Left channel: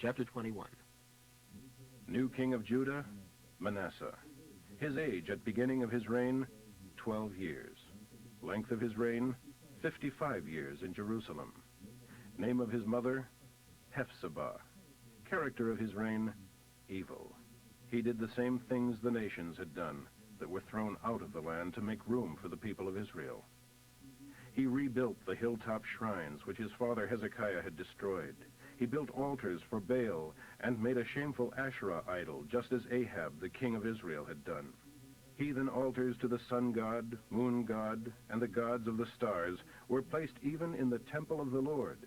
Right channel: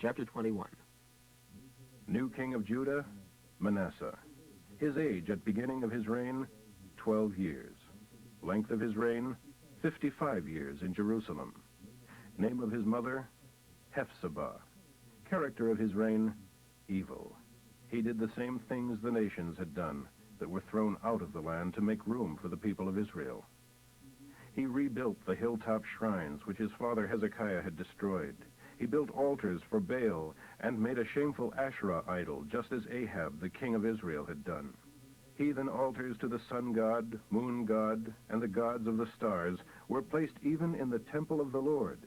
Chapter 21. New king of Judah, Manasseh. His age at beginning of his reign, 12 years. Length of his reign, 55 years in Jerusalem. Name of his mother, Hephzibah. Character of his reign, evil. He did the same things the nations had done, that were thrown out of the land to make room for the people of Israel. He rebuilt the hilltop shrines which his father Hezekiah had destroyed. He built altars for Baal and made a shameful Asherah idol, just as Ahab, the king of Israel, had done. Heathen altars to the sun god, moon god, and the gods of the stars were placed even in the temple of the Lord,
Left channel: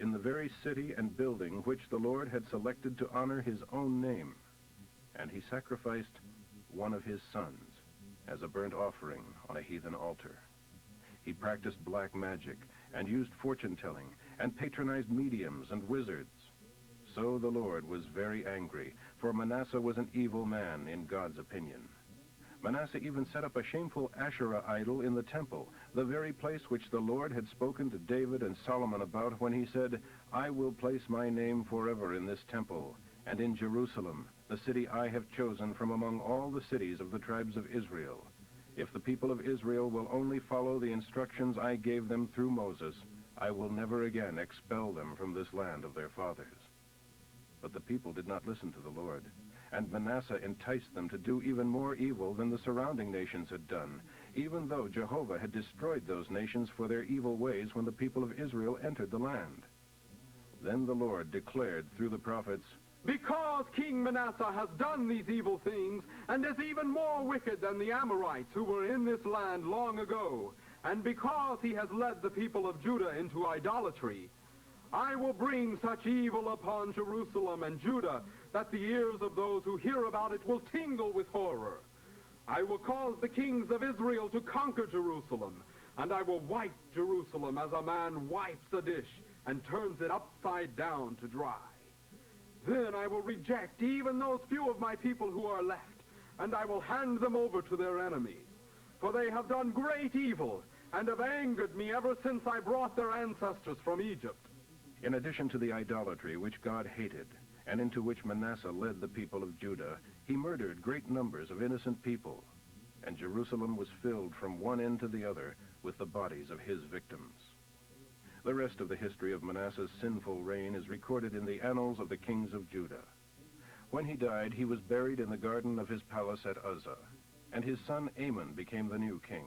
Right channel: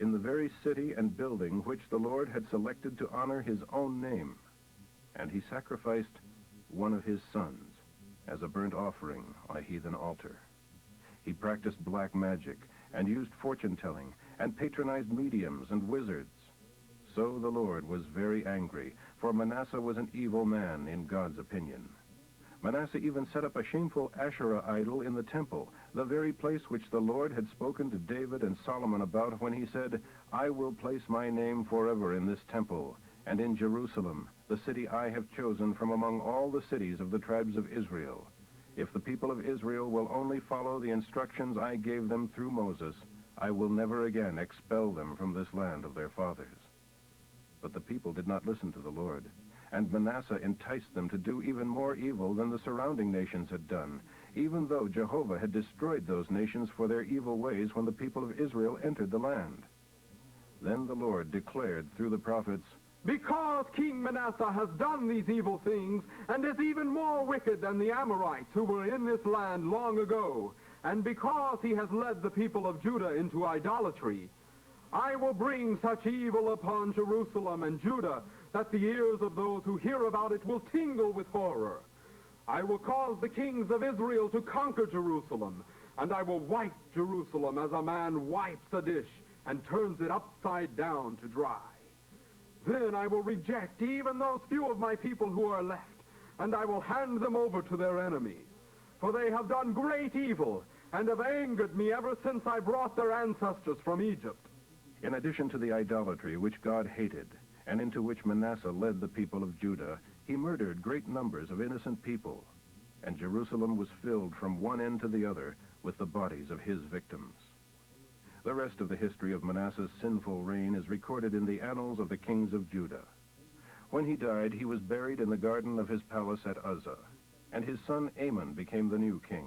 in the very city and building which the Lord had selected to honor his own name. And he sacrificed one of his sons as a burnt offering on a heathen altar. He practiced black magic and used fortune-telling and patronized mediums and wizards. So the Lord was very angry, for Manasseh was an evil man in God's opinion. Manasseh even set up a shameful Asherah idol in the temple, the very place which the Lord had spoken to David and Solomon about when he said, "I will place my name forever in this temple, and in Jerusalem, the city I have chosen from among all the cities of the tribes of Israel. If the people of Israel will only follow the instructions I gave them through Moses, I will never again expel them from this land of their fathers." But the people did not listen to the Lord, and Manasseh enticed them to do even more evil than the surrounding nations had done, even though Jehovah had destroyed those nations for their evil ways when the people of Israel entered the land. Then the Lord declared through the prophets, "Because King Manasseh has done these evil things, and is even more wicked than the Amorites who were in this land long ago, and because he has led the people of Judah into idolatry, I will bring such evil upon Jerusalem and Judah that the ears of those who hear about it will tingle with horror. I will cause the kings of Israel to conquer Jerusalem, and I will wipe Jerusalem as a man wipes a dish and turns it upside down to dry. Then I will reject even those few of my people who are left, and I will hand them over to their enemies. For they have done great evil, and have angered me ever since I brought their ancestors from Egypt." In addition to the idolatry which God hated, and into which Manasseh led the people of Judah, he murdered great numbers of innocent people, and Jerusalem was filled from one end to the other with the bodies of his victims. The rest of the history of Manasseh's sinful reign is recorded in the annals of the kings of Judah. When he died, he was buried in the garden of his palace at Uzzah, and his son Amon became the new king.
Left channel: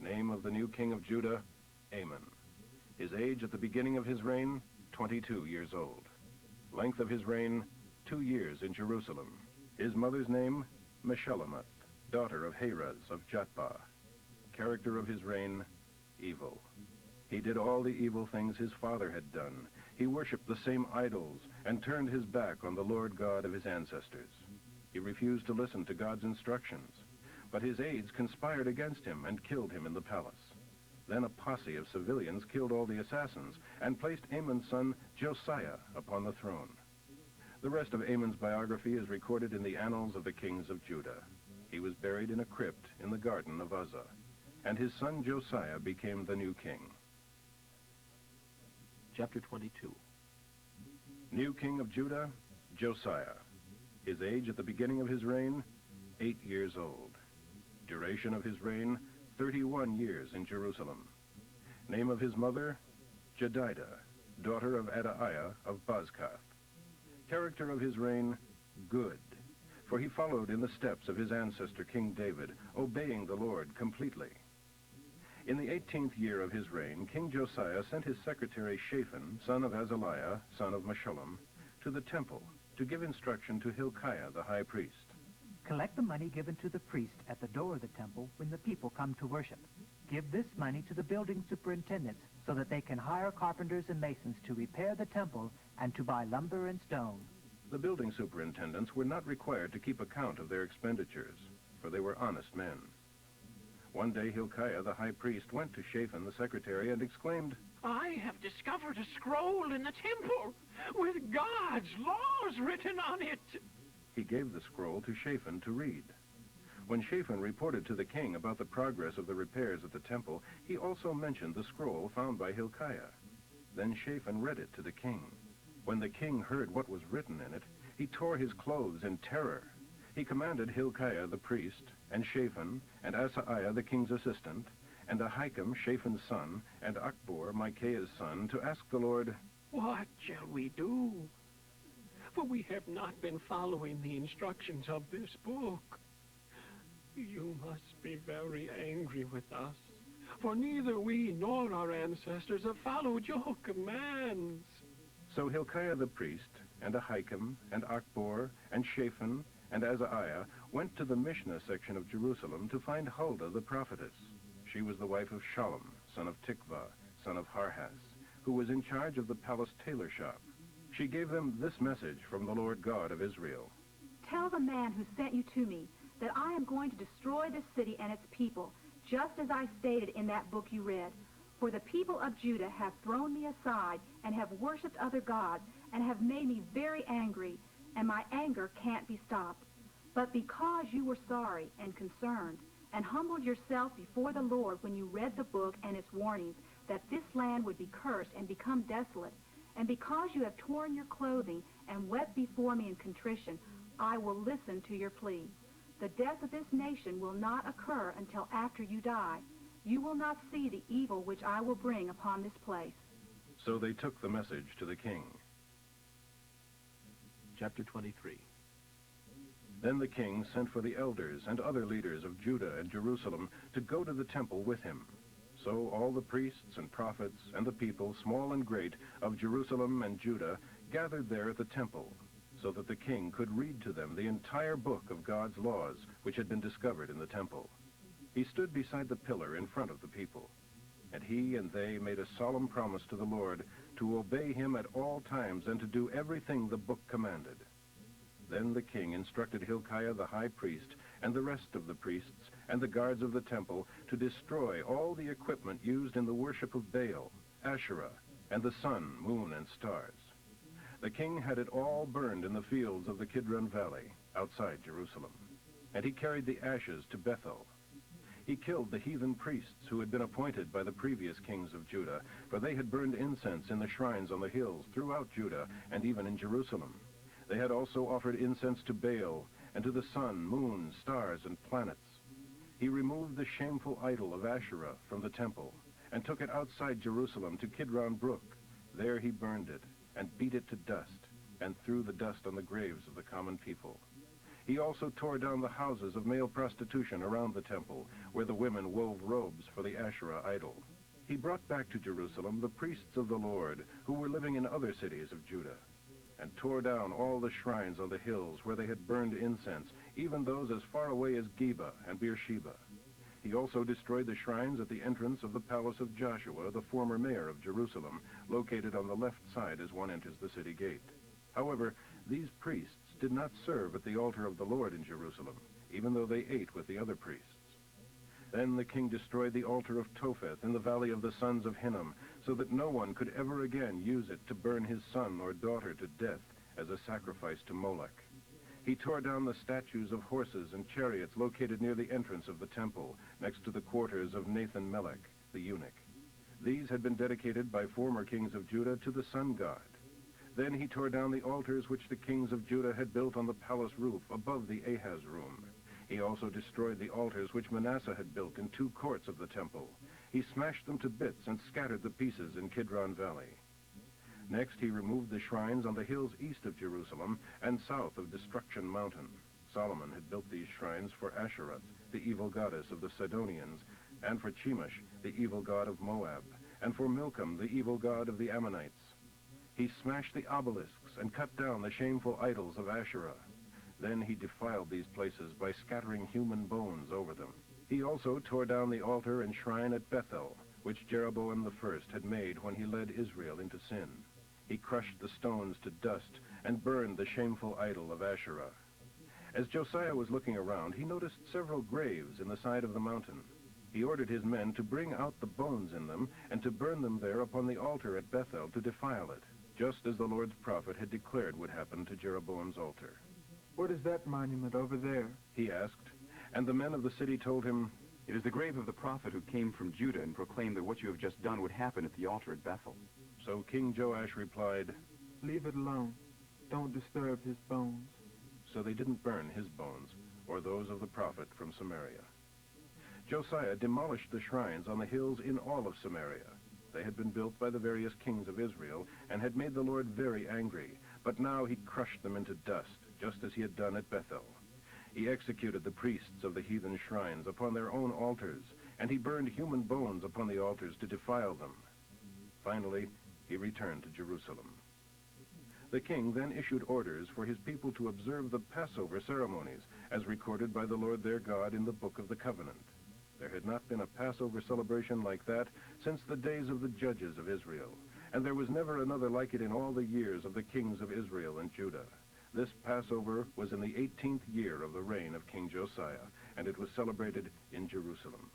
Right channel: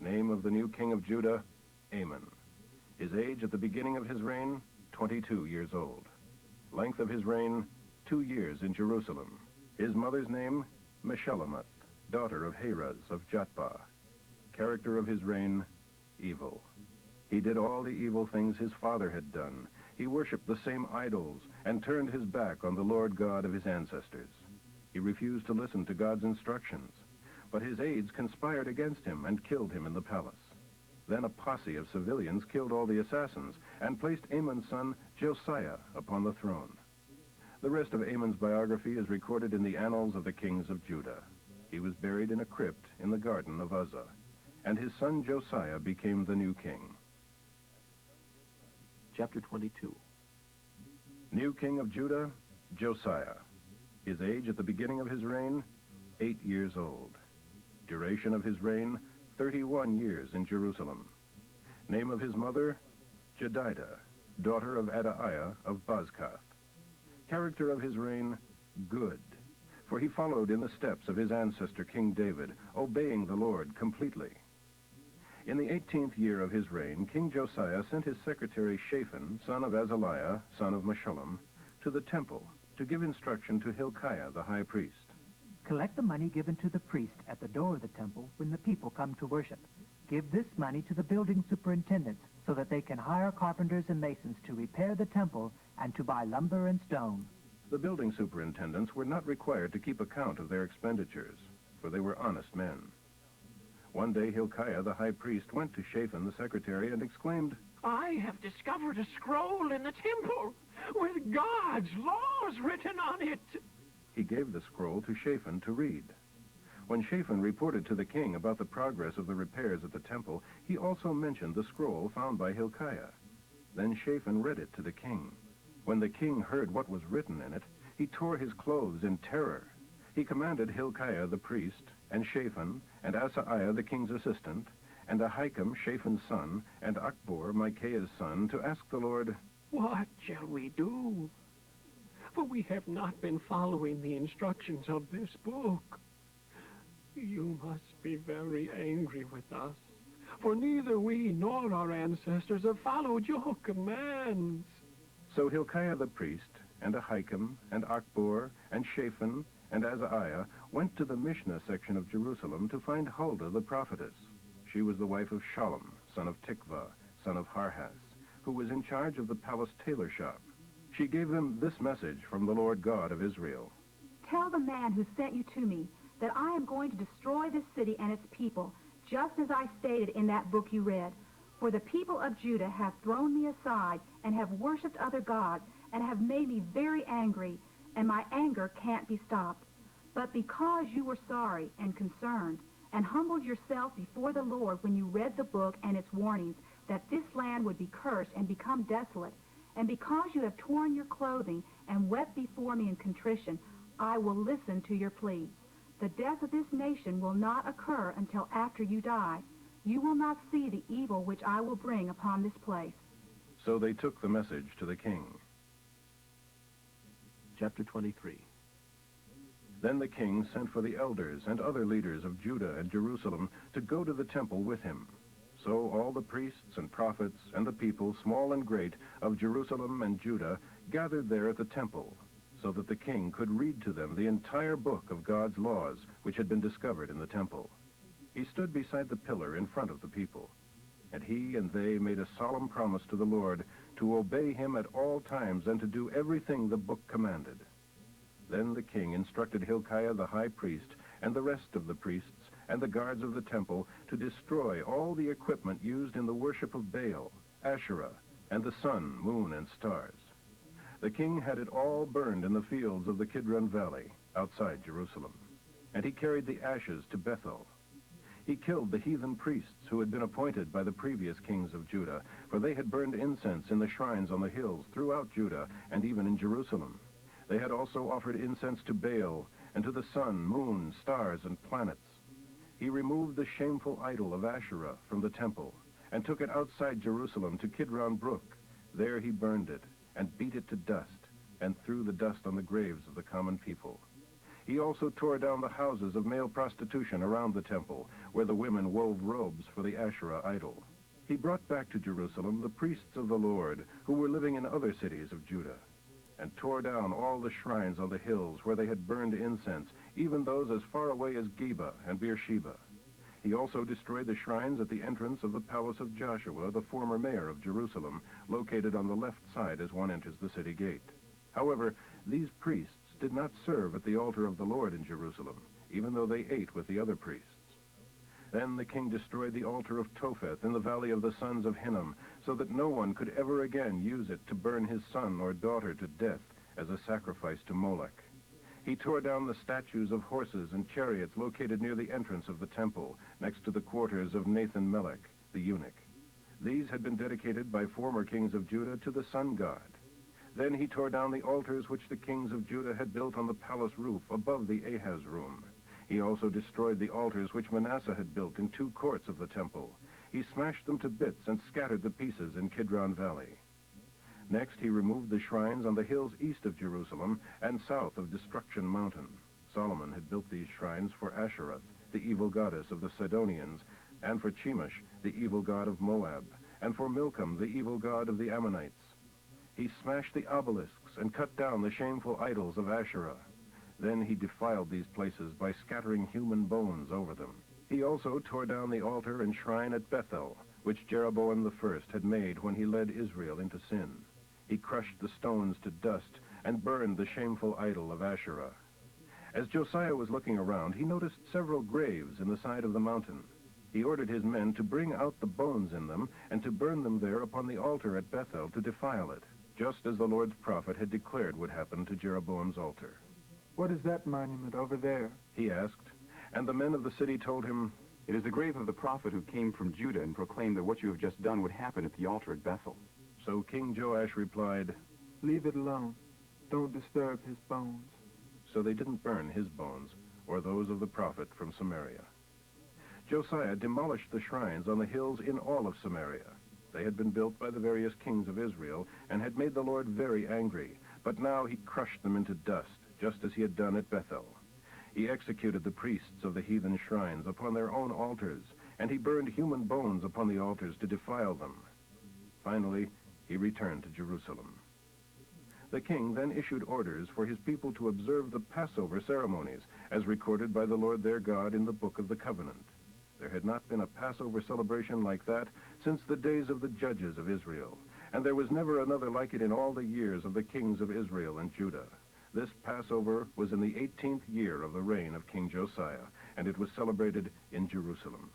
Name of the new king of Judah, Amon. His age at the beginning of his reign, 22 years old. Length of his reign, 2 years in Jerusalem. His mother's name, Meshullemeth, daughter of Haraz of Jatbah. Character of his reign, evil. He did all the evil things his father had done. He worshipped the same idols and turned his back on the Lord God of his ancestors. He refused to listen to God's instructions, but his aides conspired against him and killed him in the palace. Then a posse of civilians killed all the assassins and placed Amon's son Josiah upon the throne. The rest of Amon's biography is recorded in the annals of the kings of Judah. He was buried in a crypt in the garden of Uzzah, and his son Josiah became the new king. Chapter 22. New king of Judah, Josiah. His age at the beginning of his reign, 8 years old. Duration of his reign, 31 years in Jerusalem. Name of his mother, Jedidah, daughter of Adaiah of Bozkath. Character of his reign, good, for he followed in the steps of his ancestor King David, obeying the Lord completely. In the 18th year of his reign, King Josiah sent his secretary Shaphan, son of Azaliah, son of Meshullam, to the temple to give instruction to Hilkiah the high priest. Collect the money given to the priest at the door of the temple when the people come to worship. Give this money to the building superintendents so that they can hire carpenters and masons to repair the temple and to buy lumber and stone. The building superintendents were not required to keep account of their expenditures, for they were honest men. One day Hilkiah the high priest went to Shaphan the secretary and exclaimed, "I have discovered a scroll in the temple with God's laws written on it." He gave the scroll to Shaphan to read. When Shaphan reported to the king about the progress of the repairs at the temple, he also mentioned the scroll found by Hilkiah. Then Shaphan read it to the king. When the king heard what was written in it, he tore his clothes in terror. He commanded Hilkiah the priest, and Shaphan, and Asaiah the king's assistant, and Ahikam, Shaphan's son, and Achbor, Micaiah's son, to ask the Lord, What shall we do? For we have not been following the instructions of this book. You must be very angry with us, for neither we nor our ancestors have followed your commands. So Hilkiah the priest, and Ahikam, and Achbor, and Shaphan, and Asaiah went to the Mishnah section of Jerusalem to find Huldah the prophetess. She was the wife of Shallum, son of Tikvah, son of Harhas, who was in charge of the palace tailor shop. She gave them this message from the Lord God of Israel. Tell the man who sent you to me that I am going to destroy this city and its people, just as I stated in that book you read. For the people of Judah have thrown me aside and have worshipped other gods and have made me very angry, and my anger can't be stopped. But because you were sorry and concerned and humbled yourself before the Lord when you read the book and its warnings that this land would be cursed and become desolate, and because you have torn your clothing and wept before me in contrition, I will listen to your plea. The death of this nation will not occur until after you die. You will not see the evil which I will bring upon this place. So they took the message to the king. Chapter 23. Then the king sent for the elders and other leaders of Judah and Jerusalem to go to the temple with him. So all the priests and prophets and the people, small and great, of Jerusalem and Judah gathered there at the temple, so that the king could read to them the entire book of God's laws which had been discovered in the temple. He stood beside the pillar in front of the people, and he and they made a solemn promise to the Lord to obey him at all times and to do everything the book commanded. Then the king instructed Hilkiah the high priest and the rest of the priests and the guards of the temple to destroy all the equipment used in the worship of Baal, Asherah, and the sun, moon, and stars. The king had it all burned in the fields of the Kidron Valley, outside Jerusalem, and he carried the ashes to Bethel. He killed the heathen priests who had been appointed by the previous kings of Judah, for they had burned incense in the shrines on the hills throughout Judah and even in Jerusalem. They had also offered incense to Baal and to the sun, moon, stars, and planets. He removed the shameful idol of Asherah from the temple and took it outside Jerusalem to Kidron Brook. There he burned it and beat it to dust and threw the dust on the graves of the common people. He also tore down the houses of male prostitution around the temple, where the women wove robes for the Asherah idol. He brought back to Jerusalem the priests of the Lord, who were living in other cities of Judah, and tore down all the shrines on the hills where they had burned incense, even those as far away as Geba and Beersheba. He also destroyed the shrines at the entrance of the palace of Joshua, the former mayor of Jerusalem, located on the left side as one enters the city gate. However, these priests did not serve at the altar of the Lord in Jerusalem, even though they ate with the other priests. Then the king destroyed the altar of Topheth in the valley of the sons of Hinnom, so that no one could ever again use it to burn his son or daughter to death as a sacrifice to Moloch. He tore down the statues of horses and chariots located near the entrance of the temple, next to the quarters of Nathan-Melech, the eunuch. These had been dedicated by former kings of Judah to the sun god. Then he tore down the altars which the kings of Judah had built on the palace roof above the Ahaz room. He also destroyed the altars which Manasseh had built in 2 courts of the temple. He smashed them to bits and scattered the pieces in Kidron Valley. Next, he removed the shrines on the hills east of Jerusalem and south of Destruction Mountain. Solomon had built these shrines for Asherah, the evil goddess of the Sidonians, and for Chemosh, the evil god of Moab, and for Milcom, the evil god of the Ammonites. He smashed the obelisks and cut down the shameful idols of Asherah. Then he defiled these places by scattering human bones over them. He also tore down the altar and shrine at Bethel, which Jeroboam I had made when he led Israel into sin. He crushed the stones to dust and burned the shameful idol of Asherah. As Josiah was looking around, he noticed several graves in the side of the mountain. He ordered his men to bring out the bones in them and to burn them there upon the altar at Bethel to defile it, just as the Lord's prophet had declared would happen to Jeroboam's altar. What is that monument over there? He asked, and the men of the city told him, It is the grave of the prophet who came from Judah and proclaimed that what you have just done would happen at the altar at Bethel. So King Joash replied, Leave it alone. Don't disturb his bones. So they didn't burn his bones or those of the prophet from Samaria. Josiah demolished the shrines on the hills in all of Samaria. They had been built by the various kings of Israel and had made the Lord very angry, but now he crushed them into dust, just as he had done at Bethel. He executed the priests of the heathen shrines upon their own altars, and he burned human bones upon the altars to defile them. Finally, he returned to Jerusalem. The king then issued orders for his people to observe the Passover ceremonies, as recorded by the Lord their God in the Book of the Covenant. There had not been a Passover celebration like that since the days of the judges of Israel, and there was never another like it in all the years of the kings of Israel and Judah. This Passover was in the 18th year of the reign of King Josiah, and it was celebrated in Jerusalem.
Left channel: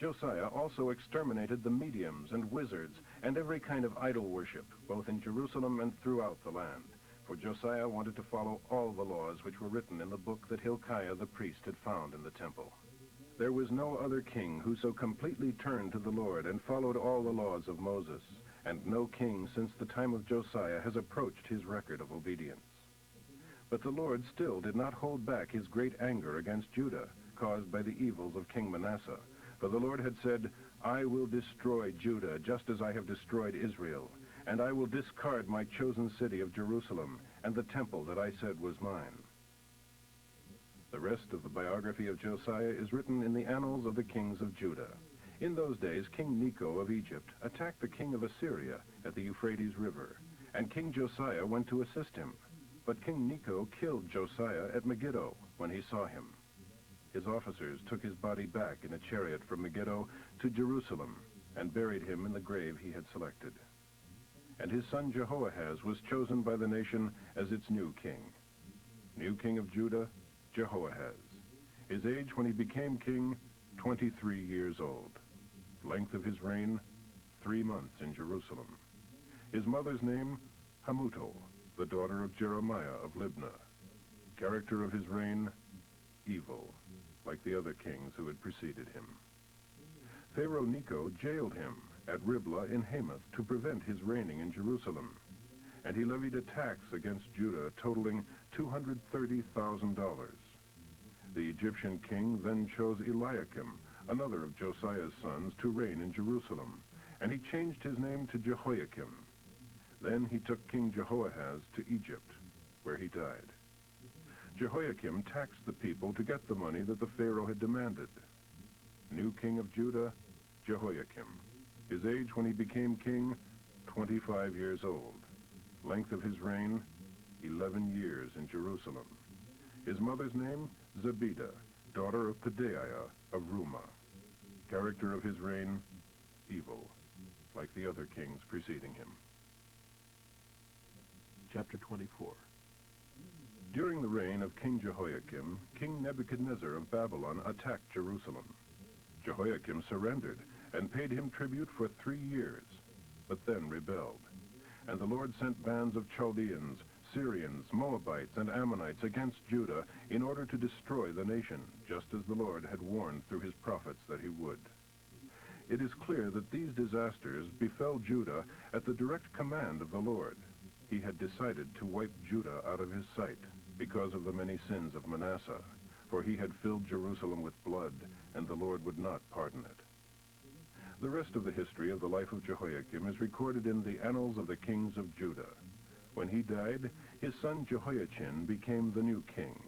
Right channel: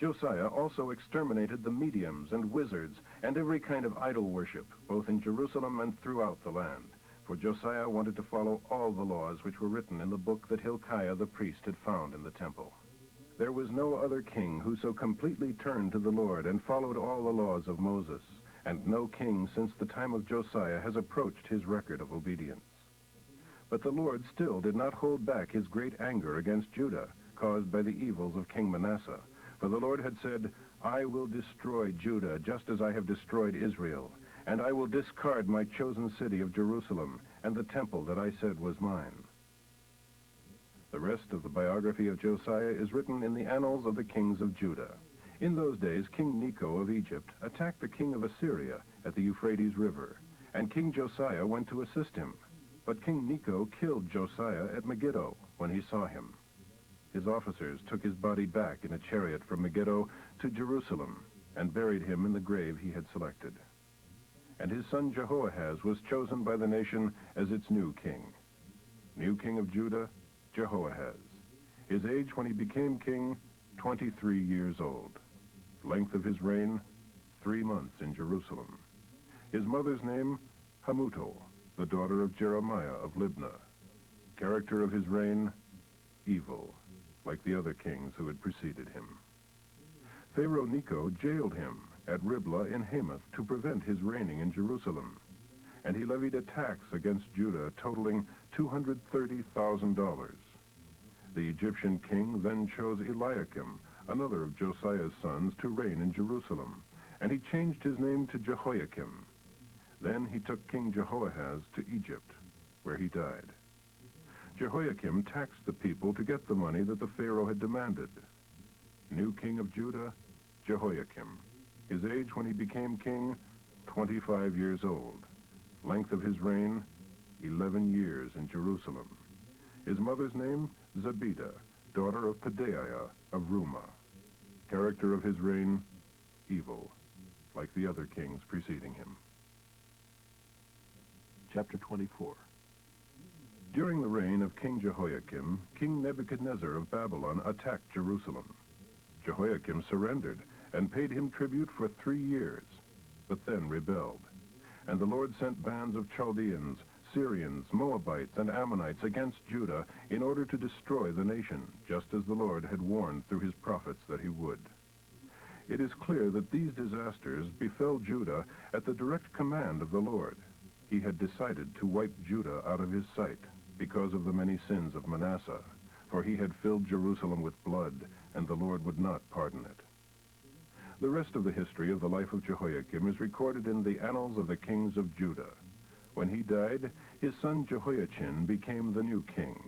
Josiah also exterminated the mediums and wizards and every kind of idol worship, both in Jerusalem and throughout the land, for Josiah wanted to follow all the laws which were written in the book that Hilkiah the priest had found in the temple. There was no other king who so completely turned to the Lord and followed all the laws of Moses, and no king since the time of Josiah has approached his record of obedience. But the Lord still did not hold back his great anger against Judah, caused by the evils of King Manasseh. For the Lord had said, "I will destroy Judah just as I have destroyed Israel, and I will discard my chosen city of Jerusalem and the temple that I said was mine." The rest of the biography of Josiah is written in the annals of the kings of Judah. In those days, King Necho of Egypt attacked the king of Assyria at the Euphrates River, and King Josiah went to assist him. But King Necho killed Josiah at Megiddo when he saw him. His officers took his body back in a chariot from Megiddo to Jerusalem and buried him in the grave he had selected. And his son Jehoahaz was chosen by the nation as its new king. New king of Judah, Jehoahaz. His age when he became king, 23 years old. Length of his reign, 3 months in Jerusalem. His mother's name, Hamutal, the daughter of Jeremiah of Libnah. Character of his reign, evil, like the other kings who had preceded him. Pharaoh Necho jailed him at Riblah in Hamath to prevent his reigning in Jerusalem, and he levied a tax against Judah totaling $230,000. The Egyptian king then chose Eliakim, another of Josiah's sons, to reign in Jerusalem, and he changed his name to Jehoiakim. Then he took King Jehoahaz to Egypt, where he died. Jehoiakim taxed the people to get the money that the Pharaoh had demanded. New king of Judah, Jehoiakim. His age when he became king, 25 years old. Length of his reign, 11 years in Jerusalem. His mother's name, Zebidah, daughter of Pedaiah of Rumah. Character of his reign, evil, like the other kings preceding him. Chapter 24. During the reign of King Jehoiakim, King Nebuchadnezzar of Babylon attacked Jerusalem. Jehoiakim surrendered and paid him tribute for 3 years, but then rebelled. And the Lord sent bands of Chaldeans, Syrians, Moabites, and Ammonites against Judah in order to destroy the nation, just as the Lord had warned through his prophets that he would. It is clear that these disasters befell Judah at the direct command of the Lord. He had decided to wipe Judah out of his sight because of the many sins of Manasseh, for he had filled Jerusalem with blood, and the Lord would not pardon it. The rest of the history of the life of Jehoiakim is recorded in the annals of the kings of Judah. When he died, his son Jehoiachin became the new king.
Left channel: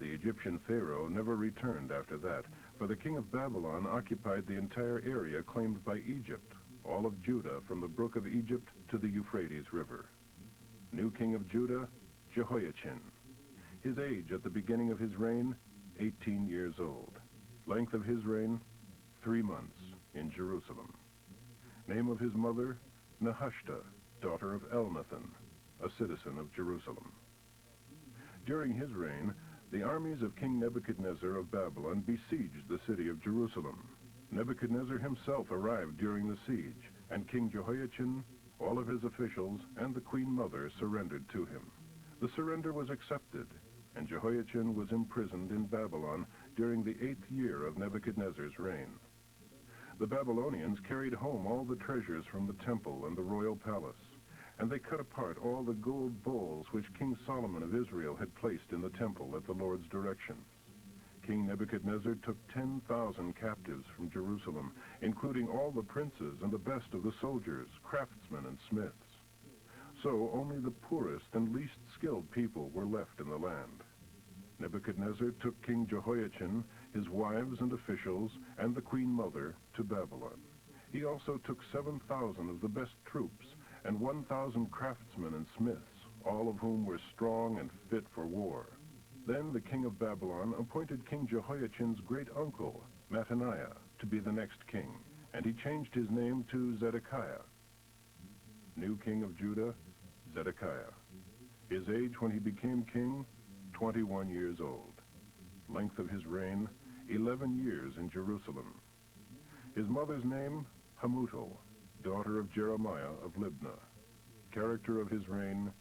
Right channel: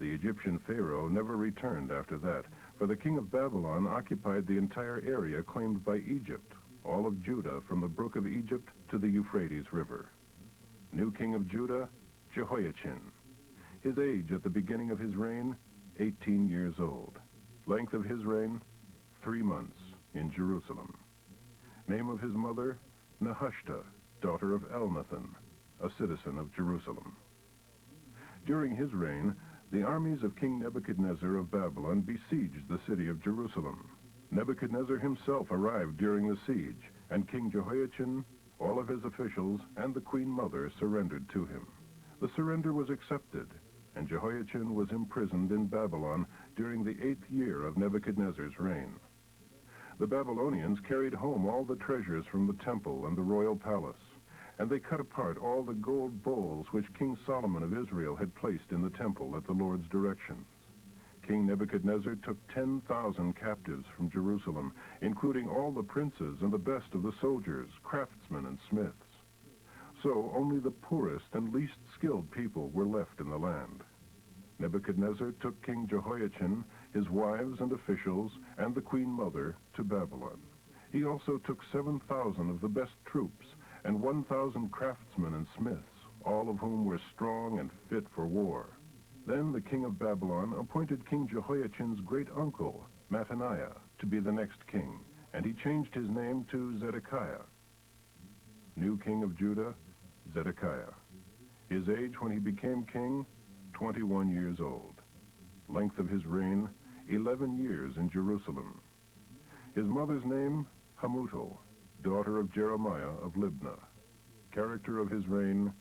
The Egyptian Pharaoh never returned after that, for the king of Babylon occupied the entire area claimed by Egypt, all of Judah from the brook of Egypt to the Euphrates River. New king of Judah, Jehoiachin. His age at the beginning of his reign, 18 years old. Length of his reign, 3 months in Jerusalem. Name of his mother, Nehushta, daughter of Elnathan, a citizen of Jerusalem. During his reign, the armies of King Nebuchadnezzar of Babylon besieged the city of Jerusalem. Nebuchadnezzar himself arrived during the siege, and King Jehoiachin, all of his officials, and the queen mother surrendered to him. The surrender was accepted, and Jehoiachin was imprisoned in Babylon during the 8th year of Nebuchadnezzar's reign. The Babylonians carried home all the treasures from the temple and the royal palace, and they cut apart all the gold bowls which King Solomon of Israel had placed in the temple at the Lord's directions. King Nebuchadnezzar took 10,000 captives from Jerusalem, including all the princes and the best of the soldiers, craftsmen, and smiths. So only the poorest and least skilled people were left in the land. Nebuchadnezzar took King Jehoiachin, his wives and officials, and the queen mother to Babylon. He also took 7,000 of the best troops and 1,000 craftsmen and smiths, all of whom were strong and fit for war. Then the king of Babylon appointed King Jehoiachin's great uncle, Mattaniah, to be the next king, and he changed his name to Zedekiah. New king of Judah, Zedekiah. His age when he became king, 21 years old. Length of his reign, 11 years in Jerusalem. His mother's name, Hamutal, daughter of Jeremiah of Libnah. Character of his reign,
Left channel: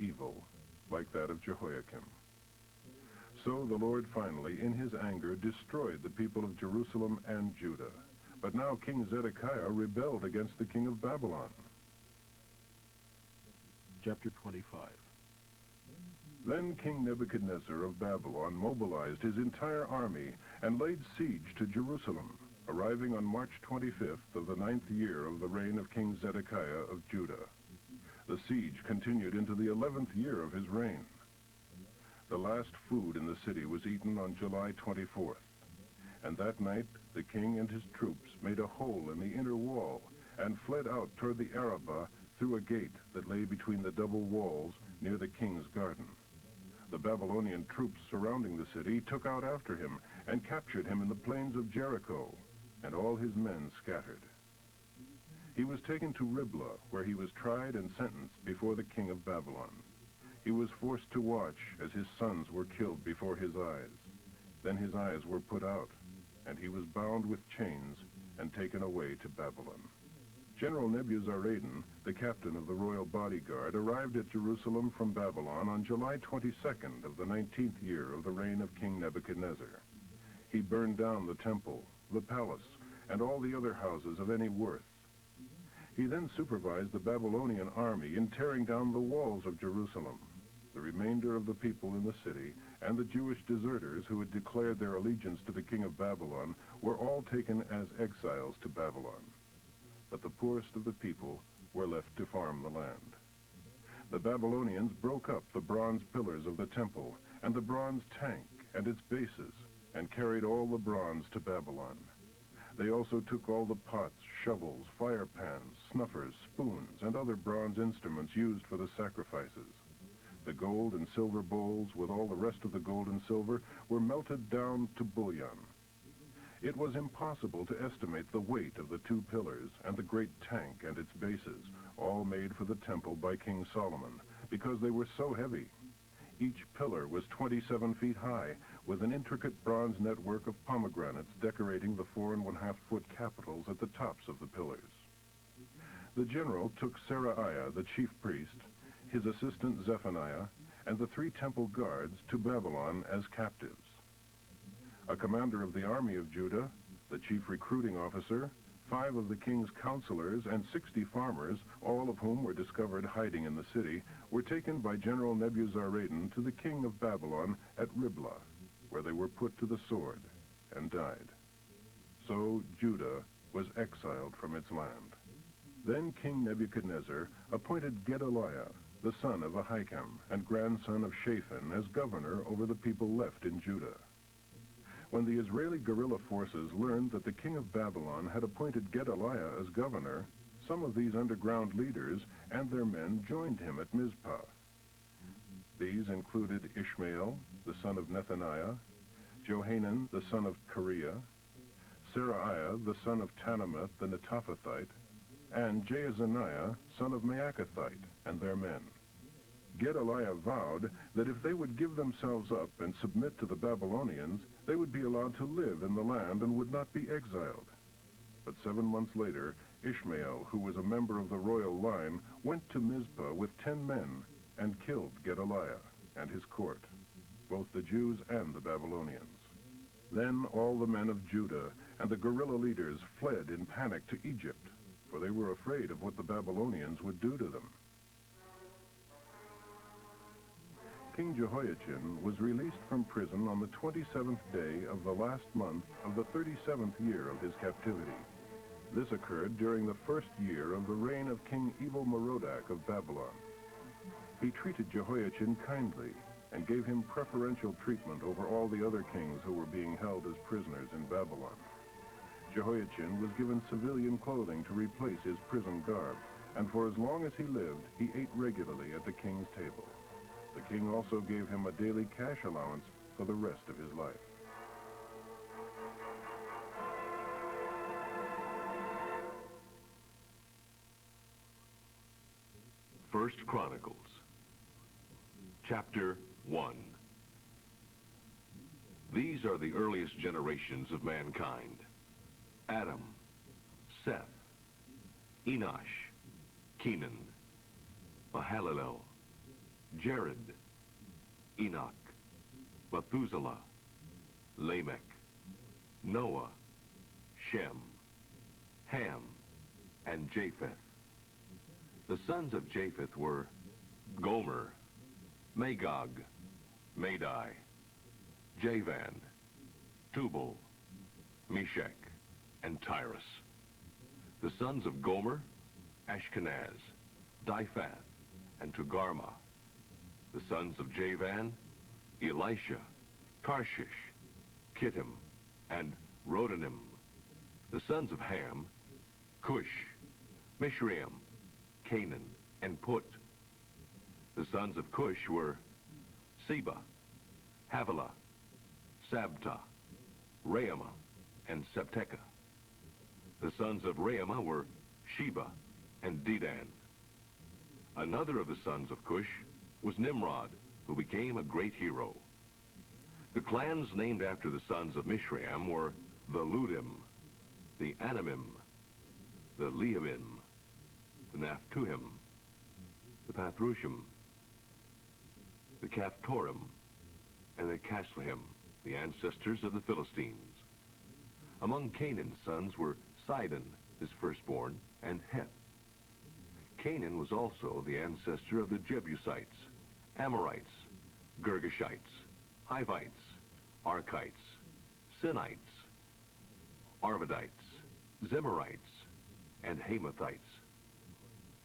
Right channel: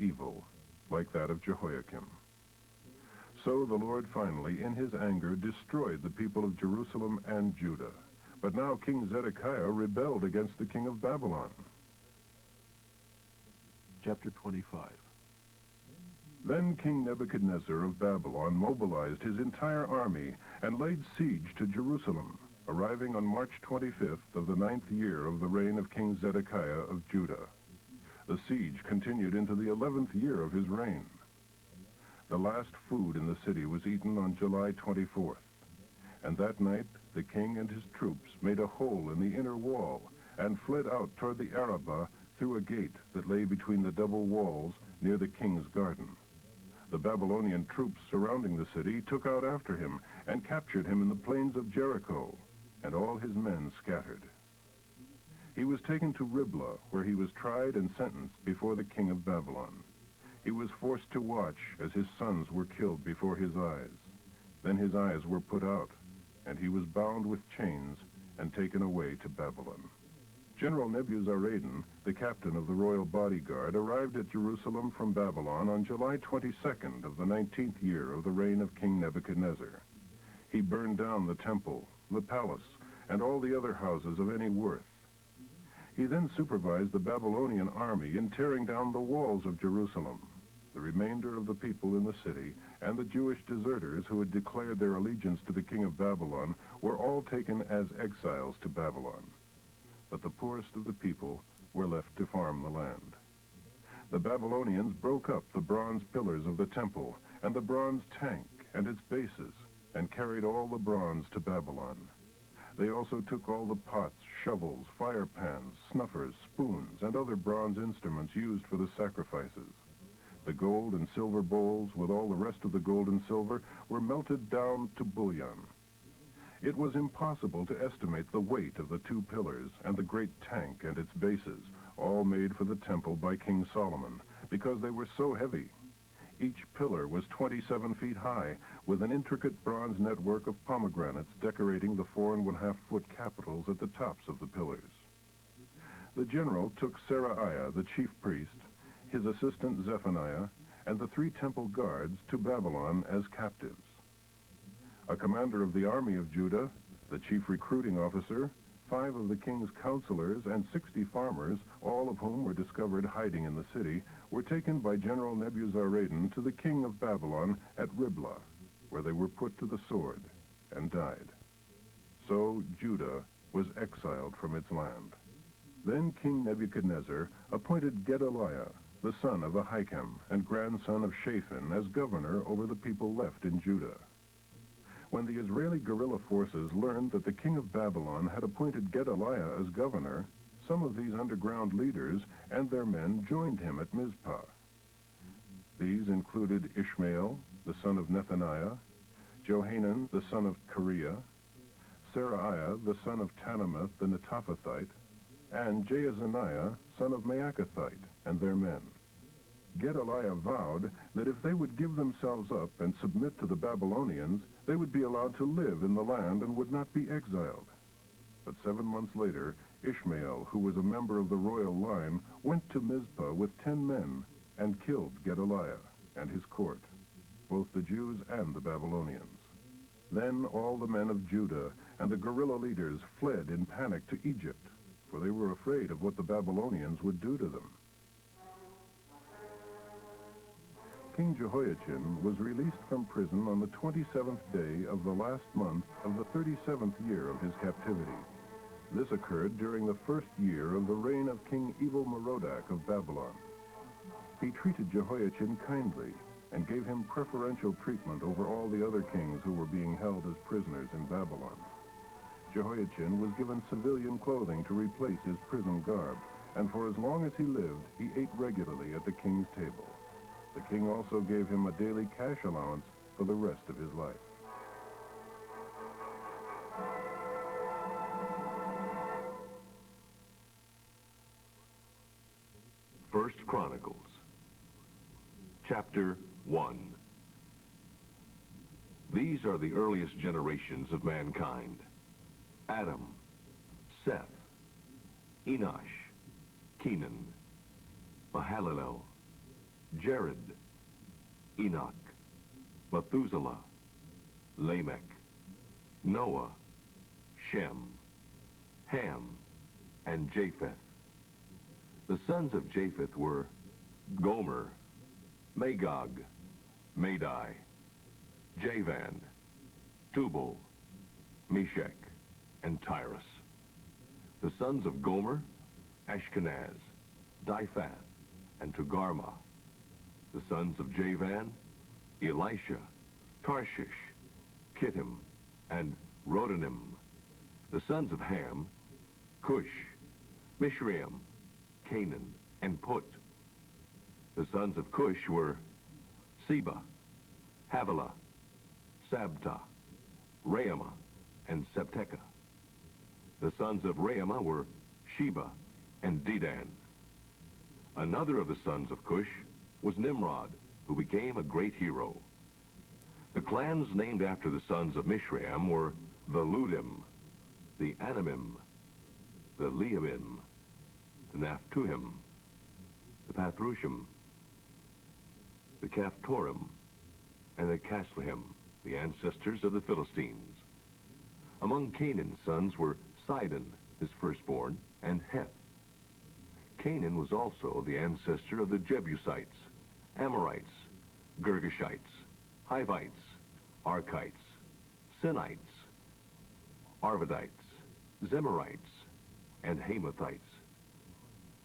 evil, like that of Jehoiakim. So the Lord finally, in his anger, destroyed the people of Jerusalem and Judah. But now King Zedekiah rebelled against the king of Babylon. Chapter 25. Then King Nebuchadnezzar of Babylon mobilized his entire army and laid siege to Jerusalem, arriving on March 25th of the 9th year of the reign of King Zedekiah of Judah. The siege continued into the 11th year of his reign. The last food in the city was eaten on July 24th, and that night the king and his troops made a hole in the inner wall and fled out toward the Arabah through a gate that lay between the double walls near the king's garden. The Babylonian troops surrounding the city took out after him and captured him in the plains of Jericho, and all his men scattered. He was taken to Riblah, where he was tried and sentenced before the king of Babylon. He was forced to watch as his sons were killed before his eyes. Then his eyes were put out, and he was bound with chains and taken away to Babylon. General Nebuzaradan, the captain of the royal bodyguard, arrived at Jerusalem from Babylon on July 22nd of the 19th year of the reign of King Nebuchadnezzar. He burned down the temple, the palace, and all the other houses of any worth. He then supervised the Babylonian army in tearing down the walls of Jerusalem. The remainder of the people in the city and the Jewish deserters who had declared their allegiance to the king of Babylon were all taken as exiles to Babylon. But the poorest of the people were left to farm the land. The Babylonians broke up the bronze pillars of the temple and the bronze tank and its bases and carried all the bronze to Babylon. They also took all the pots, shovels, fire pans, snuffers, spoons, and other bronze instruments used for the sacrifices. The gold and silver bowls, with all the rest of the gold and silver, were melted down to bullion. It was impossible to estimate the weight of the two pillars and the great tank and its bases, all made for the temple by King Solomon, because they were so heavy. Each pillar was 27 feet high, with an intricate bronze network of pomegranates decorating the 4.5-foot capitals at the tops of the pillars. The general took Seraiah, the chief priest, his assistant Zephaniah, and the 3 temple guards to Babylon as captives. A commander of the army of Judah, the chief recruiting officer, 5 of the king's counselors, and 60 farmers, all of whom were discovered hiding in the city, were taken by General Nebuzaradan to the king of Babylon at Riblah, where they were put to the sword and died. So Judah was exiled from its land. Then King Nebuchadnezzar appointed Gedaliah, the son of Ahikam and grandson of Shaphan, as governor over the people left in Judah. When the Israeli guerrilla forces learned that the king of Babylon had appointed Gedaliah as governor, some of these underground leaders and their men joined him at Mizpah. These included Ishmael, the son of Nethaniah, Johanan, the son of Kareah, Seraiah, the son of Tanumeth the Netophathite, and Jaazaniah, son of Maacathite, and their men. Gedaliah vowed that if they would give themselves up and submit to the Babylonians, they would be allowed to live in the land and would not be exiled. But 7 months later, Ishmael, who was a member of the royal line, went to Mizpah with 10 men and killed Gedaliah and his court, both the Jews and the Babylonians. Then all the men of Judah and the guerrilla leaders fled in panic to Egypt, for they were afraid of what the Babylonians would do to them. King Jehoiachin was released from prison on the 27th day of the last month of the 37th year of his captivity. This occurred during the first year of the reign of King Evil-Merodach of Babylon. He treated Jehoiachin kindly and gave him preferential treatment over all the other kings who were being held as prisoners in Babylon. Jehoiachin was given civilian clothing to replace his prison garb, and for as long as he lived, he ate regularly at the king's table. The king also gave him a daily cash allowance for the rest of his life. First Chronicles, Chapter 1. These are the earliest generations of mankind: Adam, Seth, Enosh, Kenan, Mahalalel, Jared, Enoch, Methuselah, Lamech, Noah, Shem, Ham, and Japheth. The sons of Japheth were Gomer, Magog, Madai, Javan, Tubal, Meshach, and Tyrus. The sons of Gomer, Ashkenaz, Diphath, and Togarmah. The sons of Javan, Elisha, Tarshish, Kittim, and Rodanim. The sons of Ham, Cush, Mishraim, Canaan, and Put. The sons of Cush were Seba, Havilah, Sabta, Raamah, and Sabteka. The sons of Raamah were Sheba and Dedan. Another of the sons of Cush was Nimrod, who became a great hero. The clans named after the sons of Mishraim were the Ludim, the Anamim, the Leabim, the Naphtuhim, the Pathrushim, the Caphtorim, and the Casluhim, the ancestors of the Philistines. Among Canaan's sons were Sidon, his firstborn, and Heth. Canaan was also the ancestor of the Jebusites, Amorites, Girgashites, Hivites, Archites, Sinites, Arvadites, Zemarites, and Hamathites.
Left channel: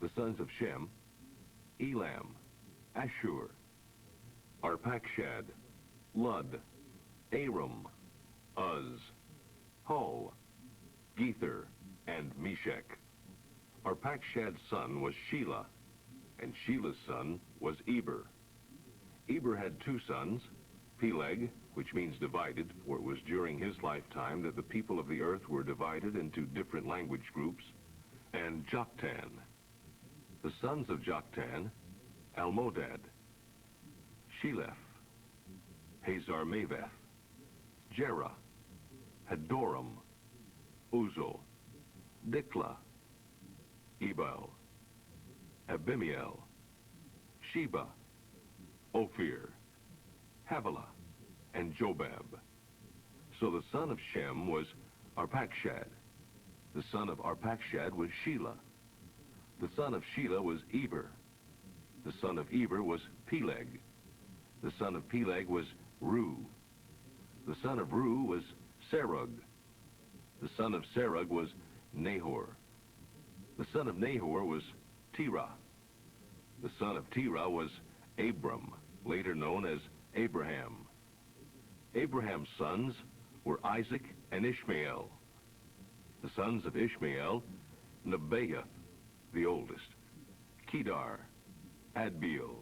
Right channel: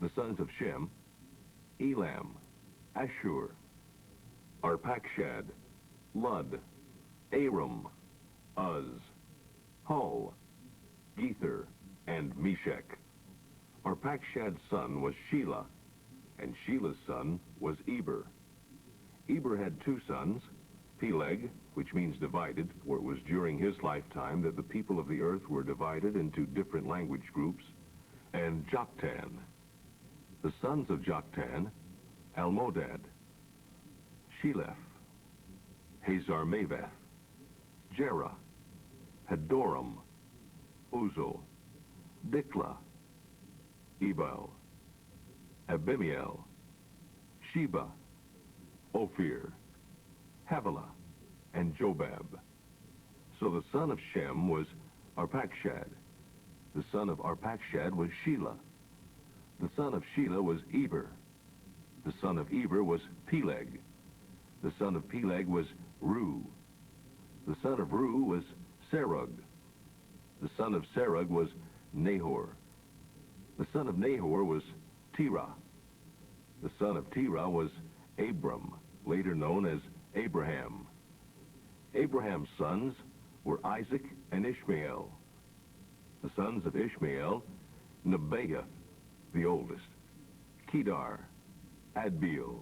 The sons of Shem, Elam, Ashur, Arpachshad, Lud, Aram, Uz, Hul, Gether, and Meshach. Arpachshad's son was Shelah, and Shelah's son was Eber. Eber had two sons, Peleg, which means divided, for it was during his lifetime that the people of the earth were divided into different language groups, and Joktan. The sons of Joktan, Almodad, Sheleph, Hazar-Maveth, Jerah, Hadoram, Uzal, Diklah, Ebal, Abimiel, Sheba, Ophir, Havilah, and Jobab. So the son of Shem was Arpachshad. The son of Arpachshad was Shelah. The son of Shelah was Eber. The son of Eber was Peleg. The son of Peleg was Ru. The son of Ru was Serug. The son of Serug was Nahor. The son of Nahor was Terah. The son of Terah was Abram, later known as Abraham. Abraham's sons were Isaac and Ishmael. The sons of Ishmael, Nebaioth, the oldest, Kedar, Adbeel,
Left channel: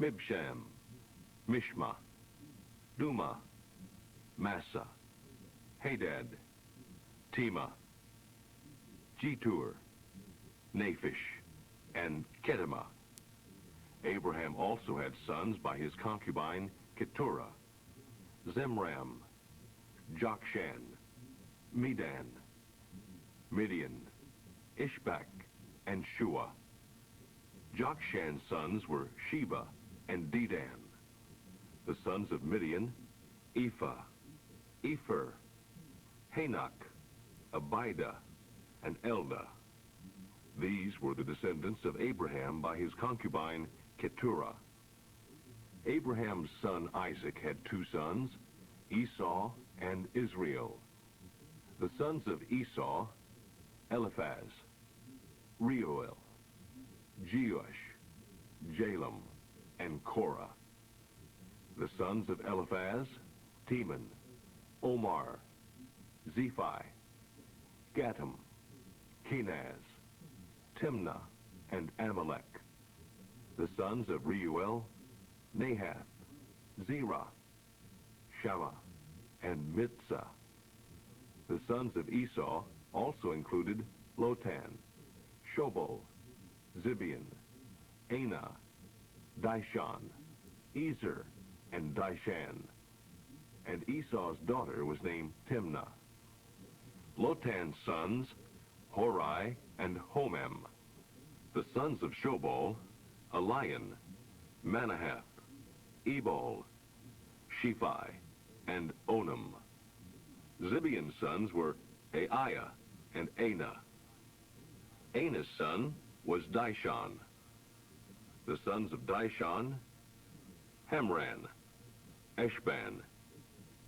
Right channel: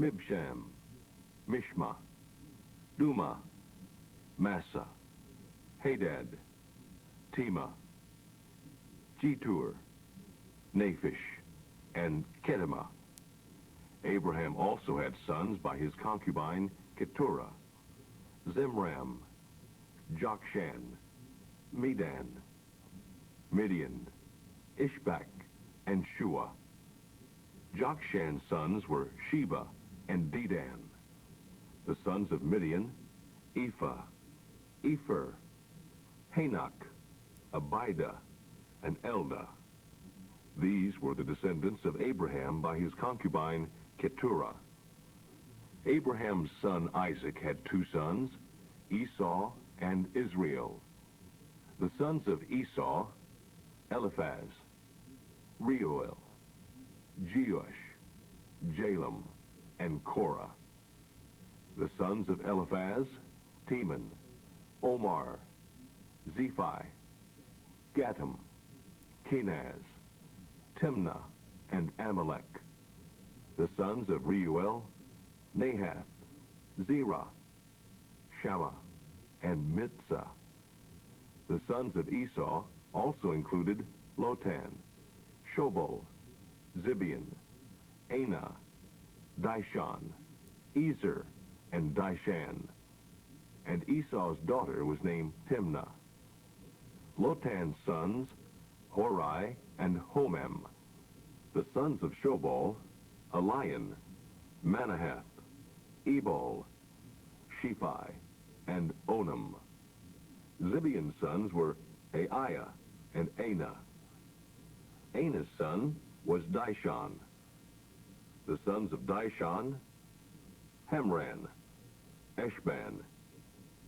Mibsham, Mishma, Duma, Massa, Hadad, Tema, Jetur, Naphish, and Kedemah. Abraham also had sons by his concubine Keturah, Zimram, Jokshan, Medan, Midian, Ishbak, and Shua. Jokshan's sons were Sheba and Dedan. The sons of Midian, Ephah, Epher, Hanok, Abida, and Eldah. These were the descendants of Abraham by his concubine Keturah. Abraham's son Isaac had two sons, Esau and Israel. The sons of Esau, Eliphaz, Reuel, Jeush, Jalem, and Korah. The sons of Eliphaz, Teman, Omar, Zephi, Gatam, Kenaz, Timnah, and Amalek. The sons of Reuel, Nahath, Zerah, Shammah, and Mitzah. The sons of Esau also included Lotan, Shobal, Zibeon, Anah, Dishon, Ezer, and Dishan. And Esau's daughter was named Timnah. Lotan's sons, Hori and Homem. The sons of Shobal, Elian, Manahath, Ebal, Shephi, and Onam. Zibeon's sons were Aiah and Anah. Anah's son was Dishon. The sons of Dishon, Hemran, Eshban,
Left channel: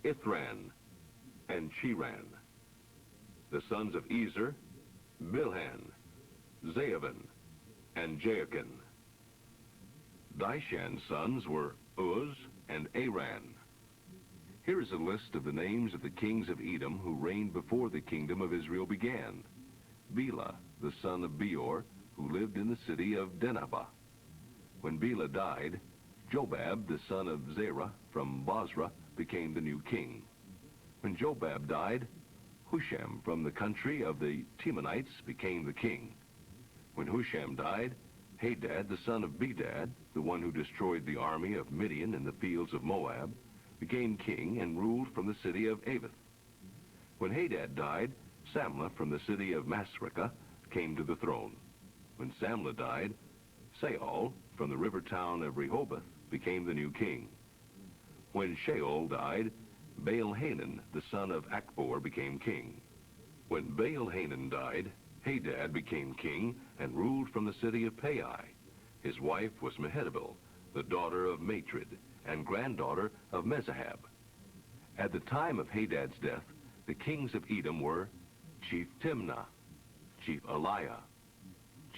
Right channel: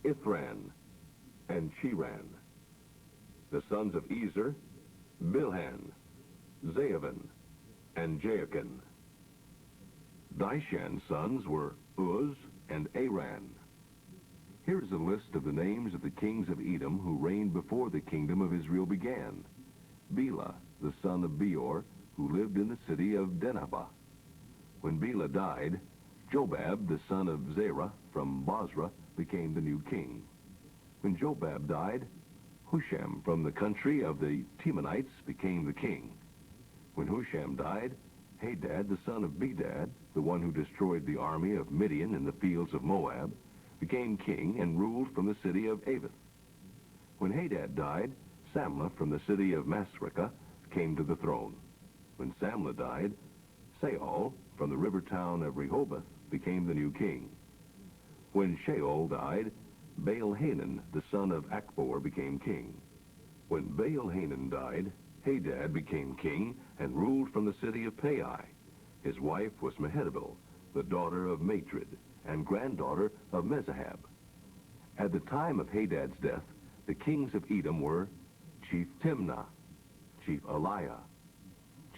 Ithran, and Chiran. The sons of Ezer, Bilhan, Zaavin, and Jaachin. Dishan's sons were Uz and Aran. Here is a list of the names of the kings of Edom who reigned before the kingdom of Israel began. Bela, the son of Beor, who lived in the city of Dinhabah. When Bela died, Jobab, the son of Zerah from Bozrah, became the new king. When Jobab died, Husham from the country of the Temanites became the king. When Husham died, Hadad, the son of Bedad, the one who destroyed the army of Midian in the fields of Moab, became king and ruled from the city of Avith. When Hadad died, Samlah from the city of Masrekah came to the throne. When Samlah died, Saul from the river town of Rehoboth became the new king. When Shaul died, Baal-Hanan, the son of Akbor, became king. When Baal-Hanan died, Hadad became king and ruled from the city of Pai. His wife was Mehetabel, the daughter of Matred, and granddaughter of Mezahab. At the time of Hadad's death, the kings of Edom were Chief Timnah, Chief Eliah,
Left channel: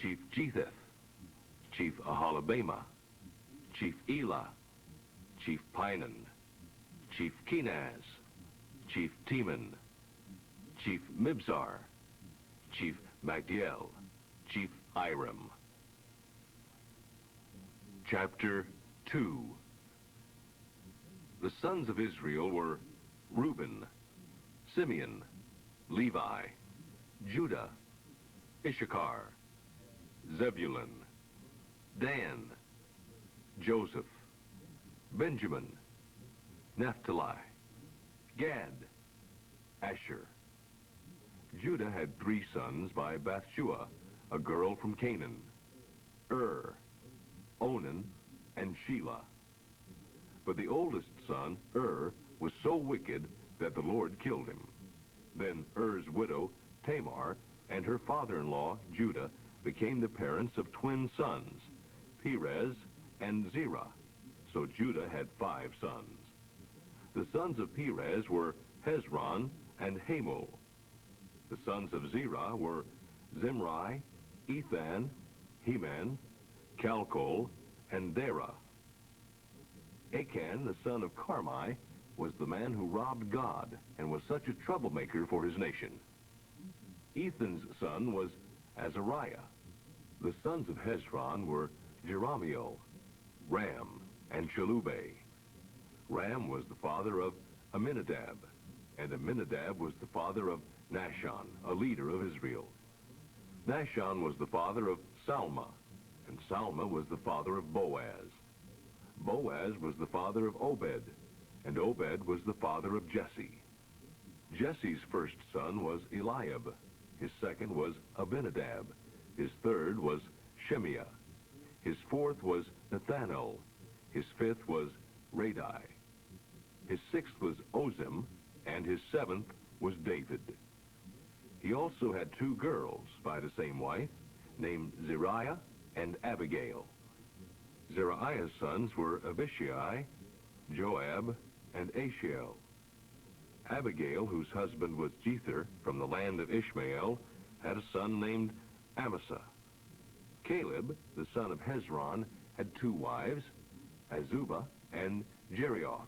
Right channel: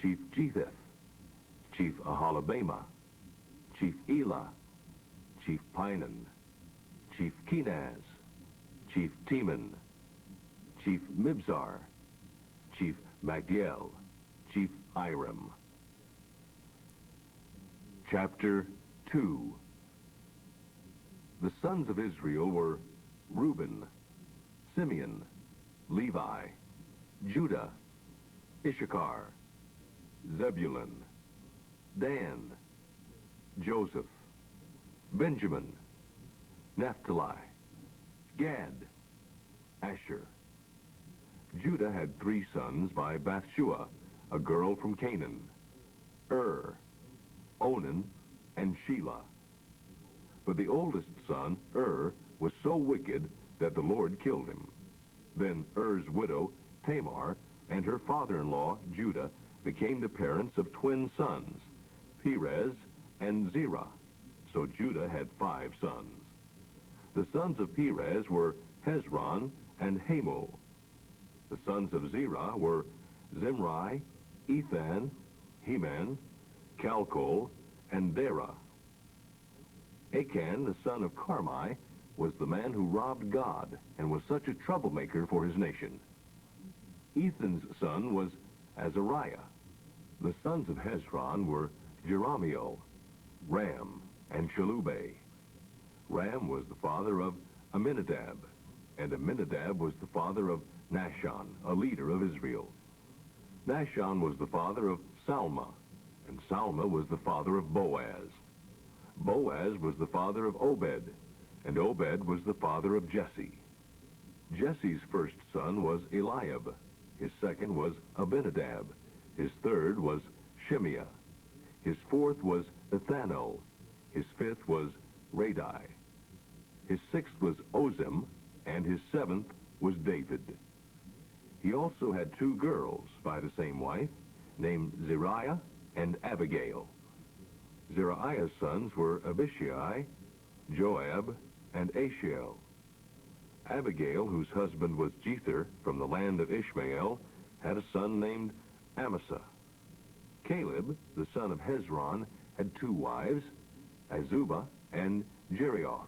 Chief Jetheth, Chief Ahalabama, Chief Elah, Chief Pinan, Chief Kenaz, Chief Teman, Chief Mibzar, Chief Magdiel, Chief Iram. Chapter 2. The sons of Israel were Reuben, Simeon, Levi, Judah, Issachar, Zebulun, Dan, Joseph, Benjamin, Naphtali, Gad, Asher. Judah had 3 sons by Bathshua, a girl from Canaan, Onan, and Shelah. But the oldest son, was so wicked that the Lord killed him. Then widow, Tamar, and her father-in-law, Judah, became the parents of twin sons, Perez and Zerah. So Judah had 5 sons. The sons of Perez were Hezron and Hamul. The sons of Zerah were Zimri, Ethan, Heman, Calcol, and Dara. Achan, the son of Carmi, was the man who robbed God and was such a troublemaker for his nation. Ethan's son was Azariah. The sons of Hezron were Jerahmeel, Ram, and Shalubei. Ram was the father of Aminadab, and Aminadab was the father of Nahshon, a leader of Israel. Nahshon was the father of Salma, and Salma was the father of Boaz. Boaz was the father of Obed, and Obed was the father of Jesse. Jesse's first son was Eliab. His second was Abinadab. His third was Shimeah. His fourth was Ethanol. His fifth was Radai. His sixth was Ozem, and his seventh was David. He also had 2 girls by the same wife, named Zeriah and Abigail. Zerahiah's sons were Abishai, Joab, and Ashiel. Abigail, whose husband was Jether from the land of Ishmael, had a son named Amasa. Caleb, the son of Hezron, had 2 wives, Azubah and Jerioth.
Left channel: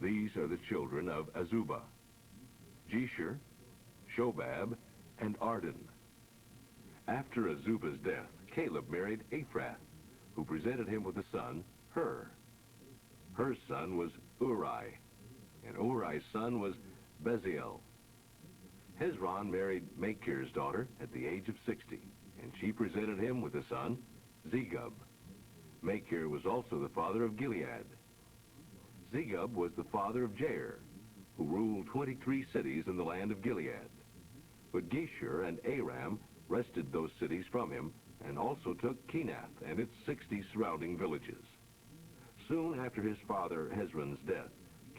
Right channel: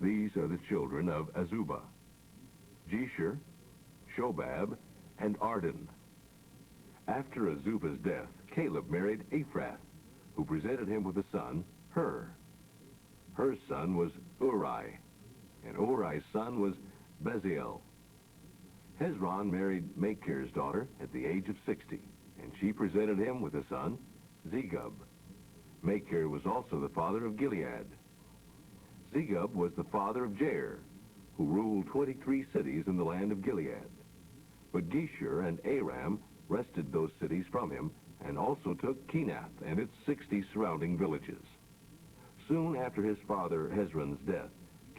These are the children of Azubah: Jesher, Shobab, and Arden. After Azubah's death, Caleb married Ephrath, who presented him with a son, Hur. Hur's son was Uri, and Uri's son was Bezalel. Hezron married Machir's daughter at the age of 60, and she presented him with a son, Zegub. Machir was also the father of Gilead. Zegub was the father of Jair, who ruled 23 cities in the land of Gilead. But Geshur and Aram wrested those cities from him, and also took Kenath and its 60 surrounding villages. Soon after his father Hezron's death,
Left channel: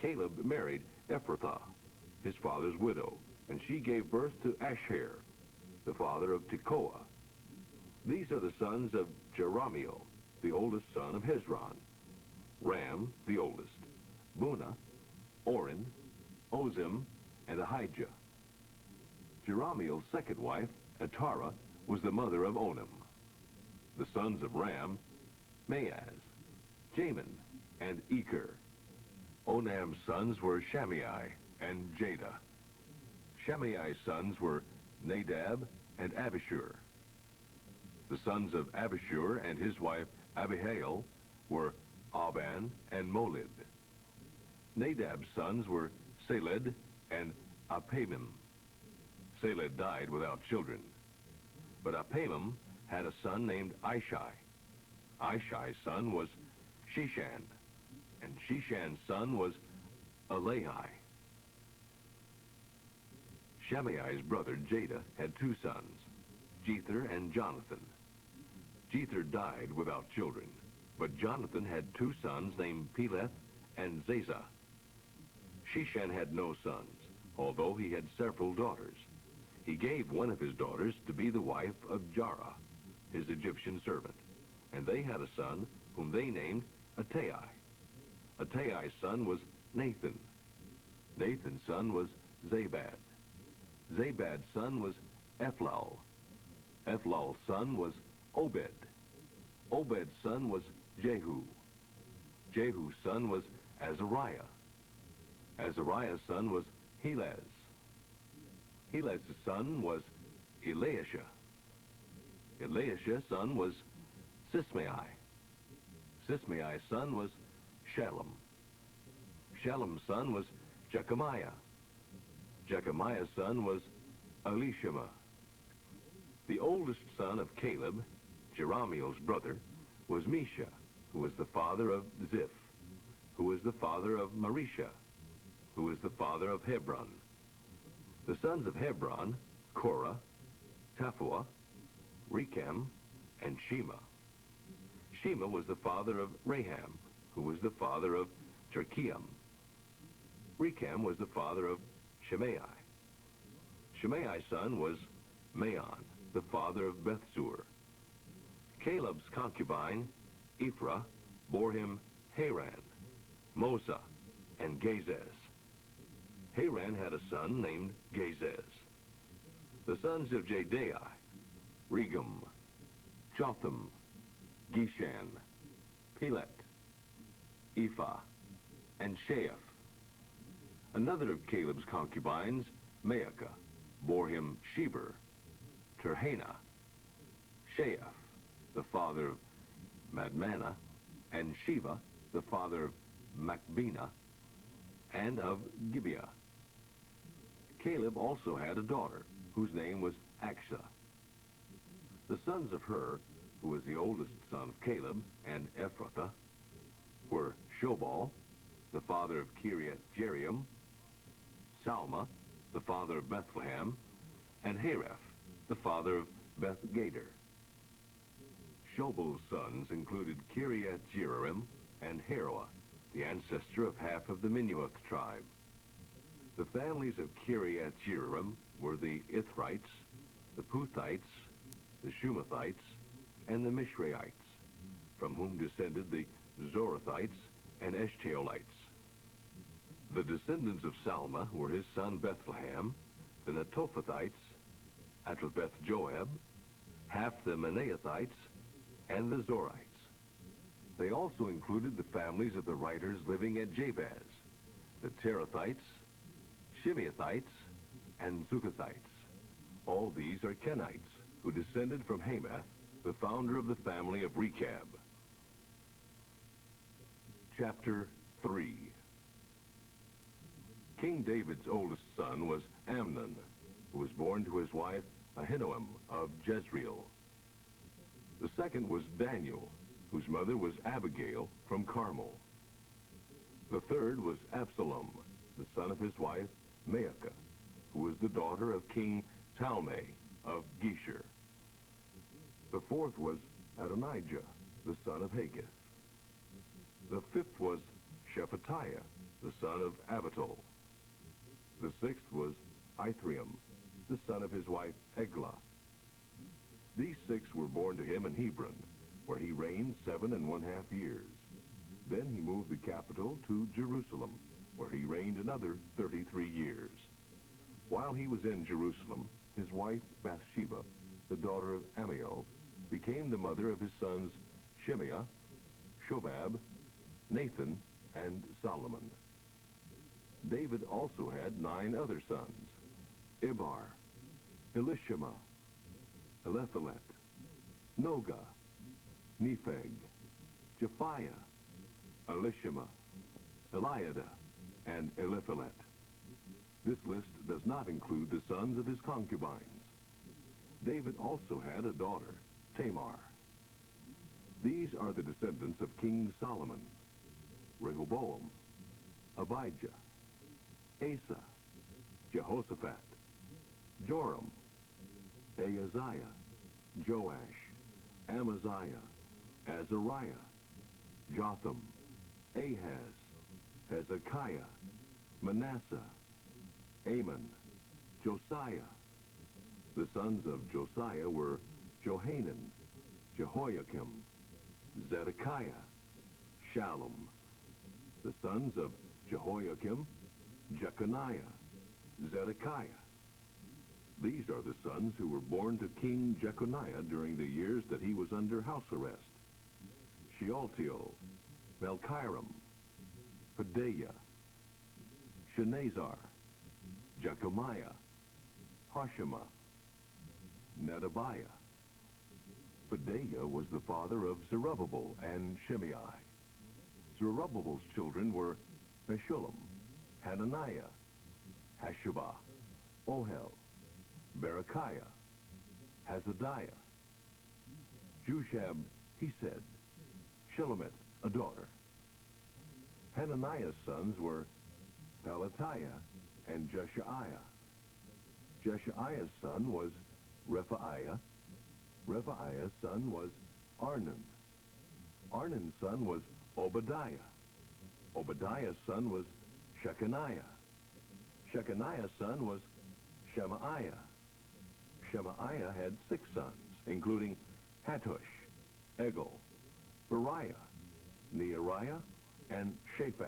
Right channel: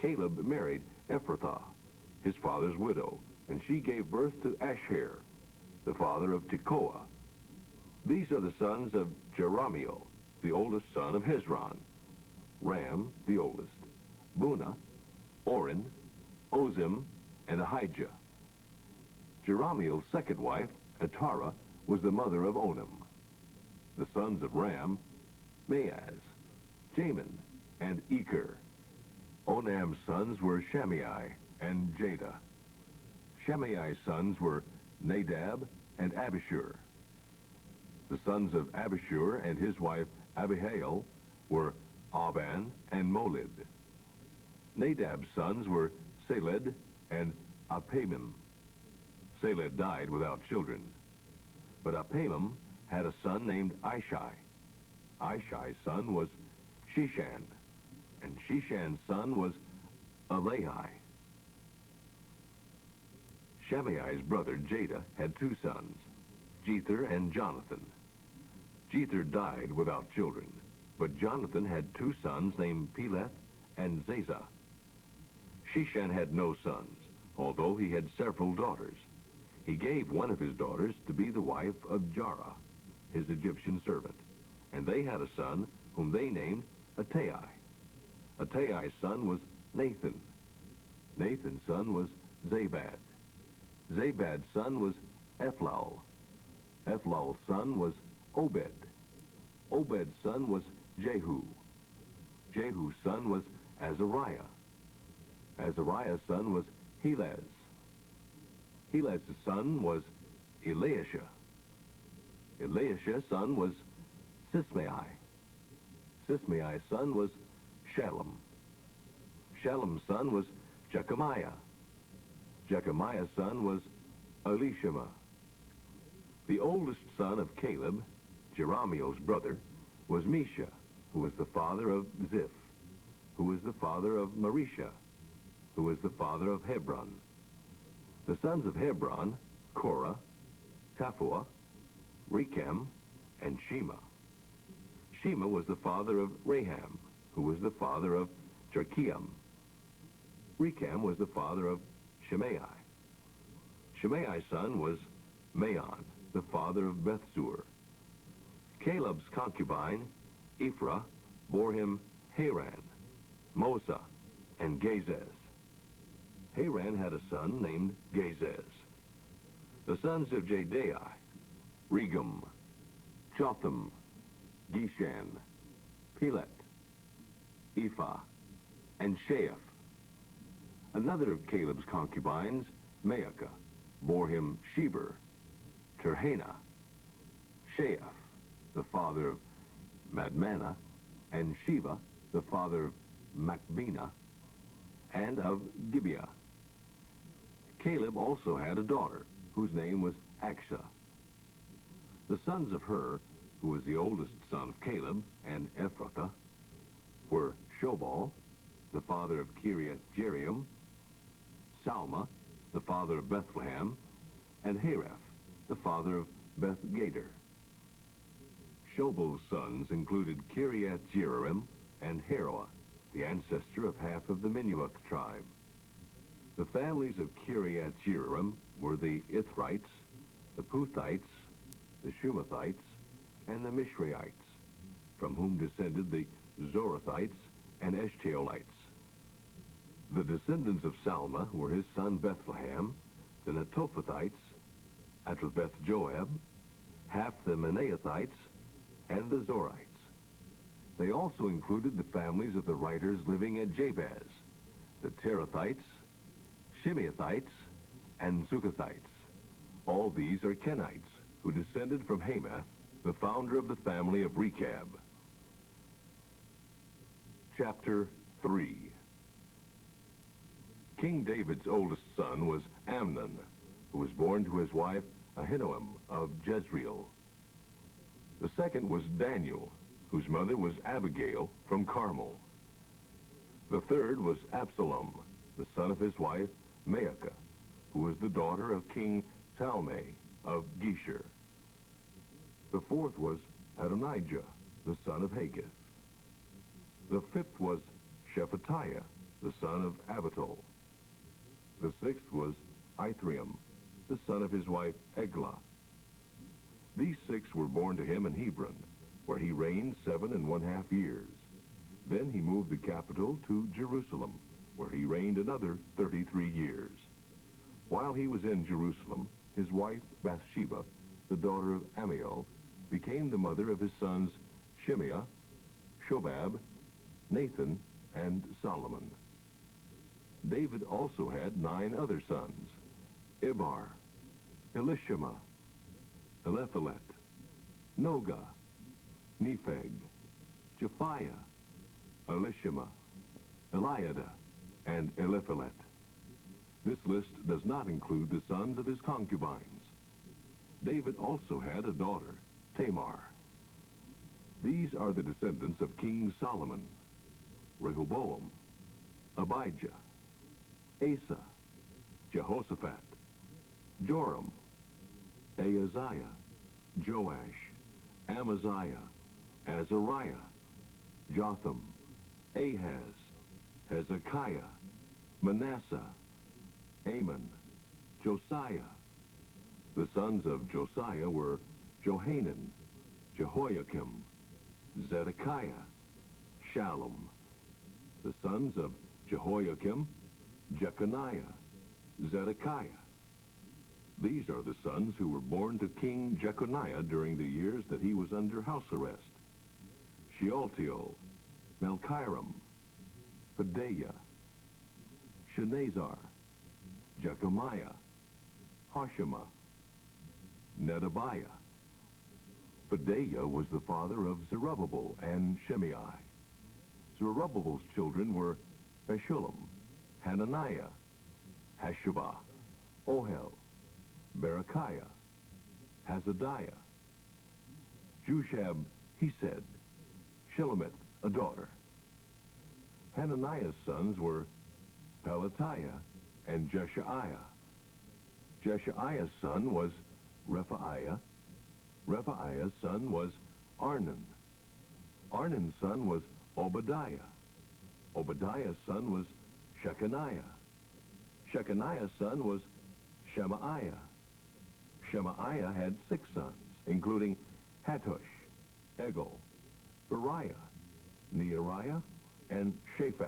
Caleb married Ephrathah, his father's widow, and she gave birth to Asher, the father of Tekoa. These are the sons of Jerahmeel, the oldest son of Hezron; Ram, the oldest; Bunah, Oren, Ozim, and Ahijah. Jerahmeel's second wife, Atara, was the mother of Onam. The sons of Ram: Maaz, Jamin, and Eker. Onam's sons were Shammai and Jada. Shammai's sons were Nadab and Abishur. The sons of Abishur and his wife Abihail were Aban and Molid. Nadab's sons were Seled and Apamim. Seled died without children, but Apamim had a son named Ishai. Ishai's son was Shishan, and Shishan's son was Alahi. Shammai's brother Jada had 2 sons, Jether and Jonathan. Jether died without children, but Jonathan had 2 sons named Peleth and Zazah. Shishan had no sons, although he had several daughters. He gave one of his daughters to be the wife of Jarrah, his Egyptian servant, and they had a son whom they named Attai. Attai's son was Nathan. Nathan's son was Zabad. Zabad's son was Ephlal. Ephlal's son was Obed. Obed's son was Jehu. Jehu's son was Azariah. Azariah's son was Helez. Helez's son was Eliashah. Eliashah's son was Sismai. Sismai's son was Shalom. Shalom's son was Jechemiah. Jechemiah's son was Elishama. The oldest son of Caleb, Jerahmeel's brother, was Mesha, who was the father of Ziph, who was the father of Marisha, who was the father of Hebron. The sons of Hebron: Korah, Taphuah, Rechem, and Shema. Shema was the father of Raham, who was the father of Jerkeam. Rechem was the father of Shimei. Shimei's son was Maon, the father of Bethsur. Caleb's concubine, Ephrath, bore him Haran, Mosa, and Gazez. Haran had a son named Gazez. The sons of Jediah: Regum, Jotham, Geshan, Pelet, Ephah, and Sheaph. Another of Caleb's concubines, Maacah, bore him Sheber, Terhana, Sheaph, the father of Madmannah, and Sheva, the father of Machbenah, and of Gibeah. Caleb also had a daughter, whose name was Aksa. The sons of Hur, who was the oldest son of Caleb, and Ephrathah, were Shobal, the father of Kiriath Jearim, Salma, the father of Bethlehem, and Haraph, the father of Beth Gader. Shobal's sons included Kiriath Jearim and Haroah, the ancestor of half of the Minuach tribe. The families of Kiriath Jearim were the Ithrites, the Puthites, the Shumathites, and the Mishraites. from whom descended the Zorathites and Eshtaolites. The descendants of Salma were his son Bethlehem, the Netophathites, Atrabeth Joab, half the Manaathites, and the Zorites. They also included the families of the writers living at Jabez, the Terathites, Shimeathites, and Zukathites. All these are Kenites, who descended from Hamath, the founder of the family of Rechab. Chapter 3. King David's oldest son was Amnon, who was born to his wife Ahinoam of Jezreel. The second was Daniel, whose mother was Abigail from Carmel. The third was Absalom, the son of his wife Maacah, who was the daughter of King Talmai of Geshur. The fourth was Adonijah, the son of Haggith. The fifth was Shephatiah, the son of Abital. The sixth was Ithream, the son of his wife Eglah. These six were born to him in Hebron, where he reigned 7.5 years. Then he moved the capital to Jerusalem, where he reigned another 33 years. While he was in Jerusalem, his wife Bathsheba, the daughter of Amiel, became the mother of his sons Shimea, Shobab, Nathan, and Solomon. David also had 9 other sons: Ibar, Elishama, Eliphelet, Noga, Nepheg, Japhiah, Elishama, Eliada, and Eliphelet. This list does not include the sons of his concubines. David also had a daughter, Tamar. These are the descendants of King Solomon: Rehoboam, Abijah, Asa, Jehoshaphat, Joram, Ahaziah, Joash, Amaziah, Azariah, Jotham, Ahaz, Hezekiah, Manasseh, Amon, Josiah. The sons of Josiah were Johanan, Jehoiakim, Zedekiah, Shallum. The sons of Jehoiakim, Jeconiah, Zedekiah. These are the sons who were born to King Jeconiah during the years that he was under house arrest: Shealtiel, Malchiram, Pedaiah, Shenazar, Jechemiah, Hoshema, Nedabiah. Pedaiah was the father of Zerubbabel and Shimei. Zerubbabel's children were Meshullam, Hananiah, Hashubah, Ohel, Berechiah, Hazadiah, Jushab, he said, Shelomith, a daughter. Hananiah's sons were Pelatiah and Jeshaiah. Jeshaiah's son was Rephaiah. Rephaiah's son was Arnan. Arnan's son was Obadiah. Obadiah's son was Shechaniah. Shechaniah's son was Shemaiah. Shemaiah had 6 sons, including Hattush, Egil, Beriah, Neariah, and Shaphat.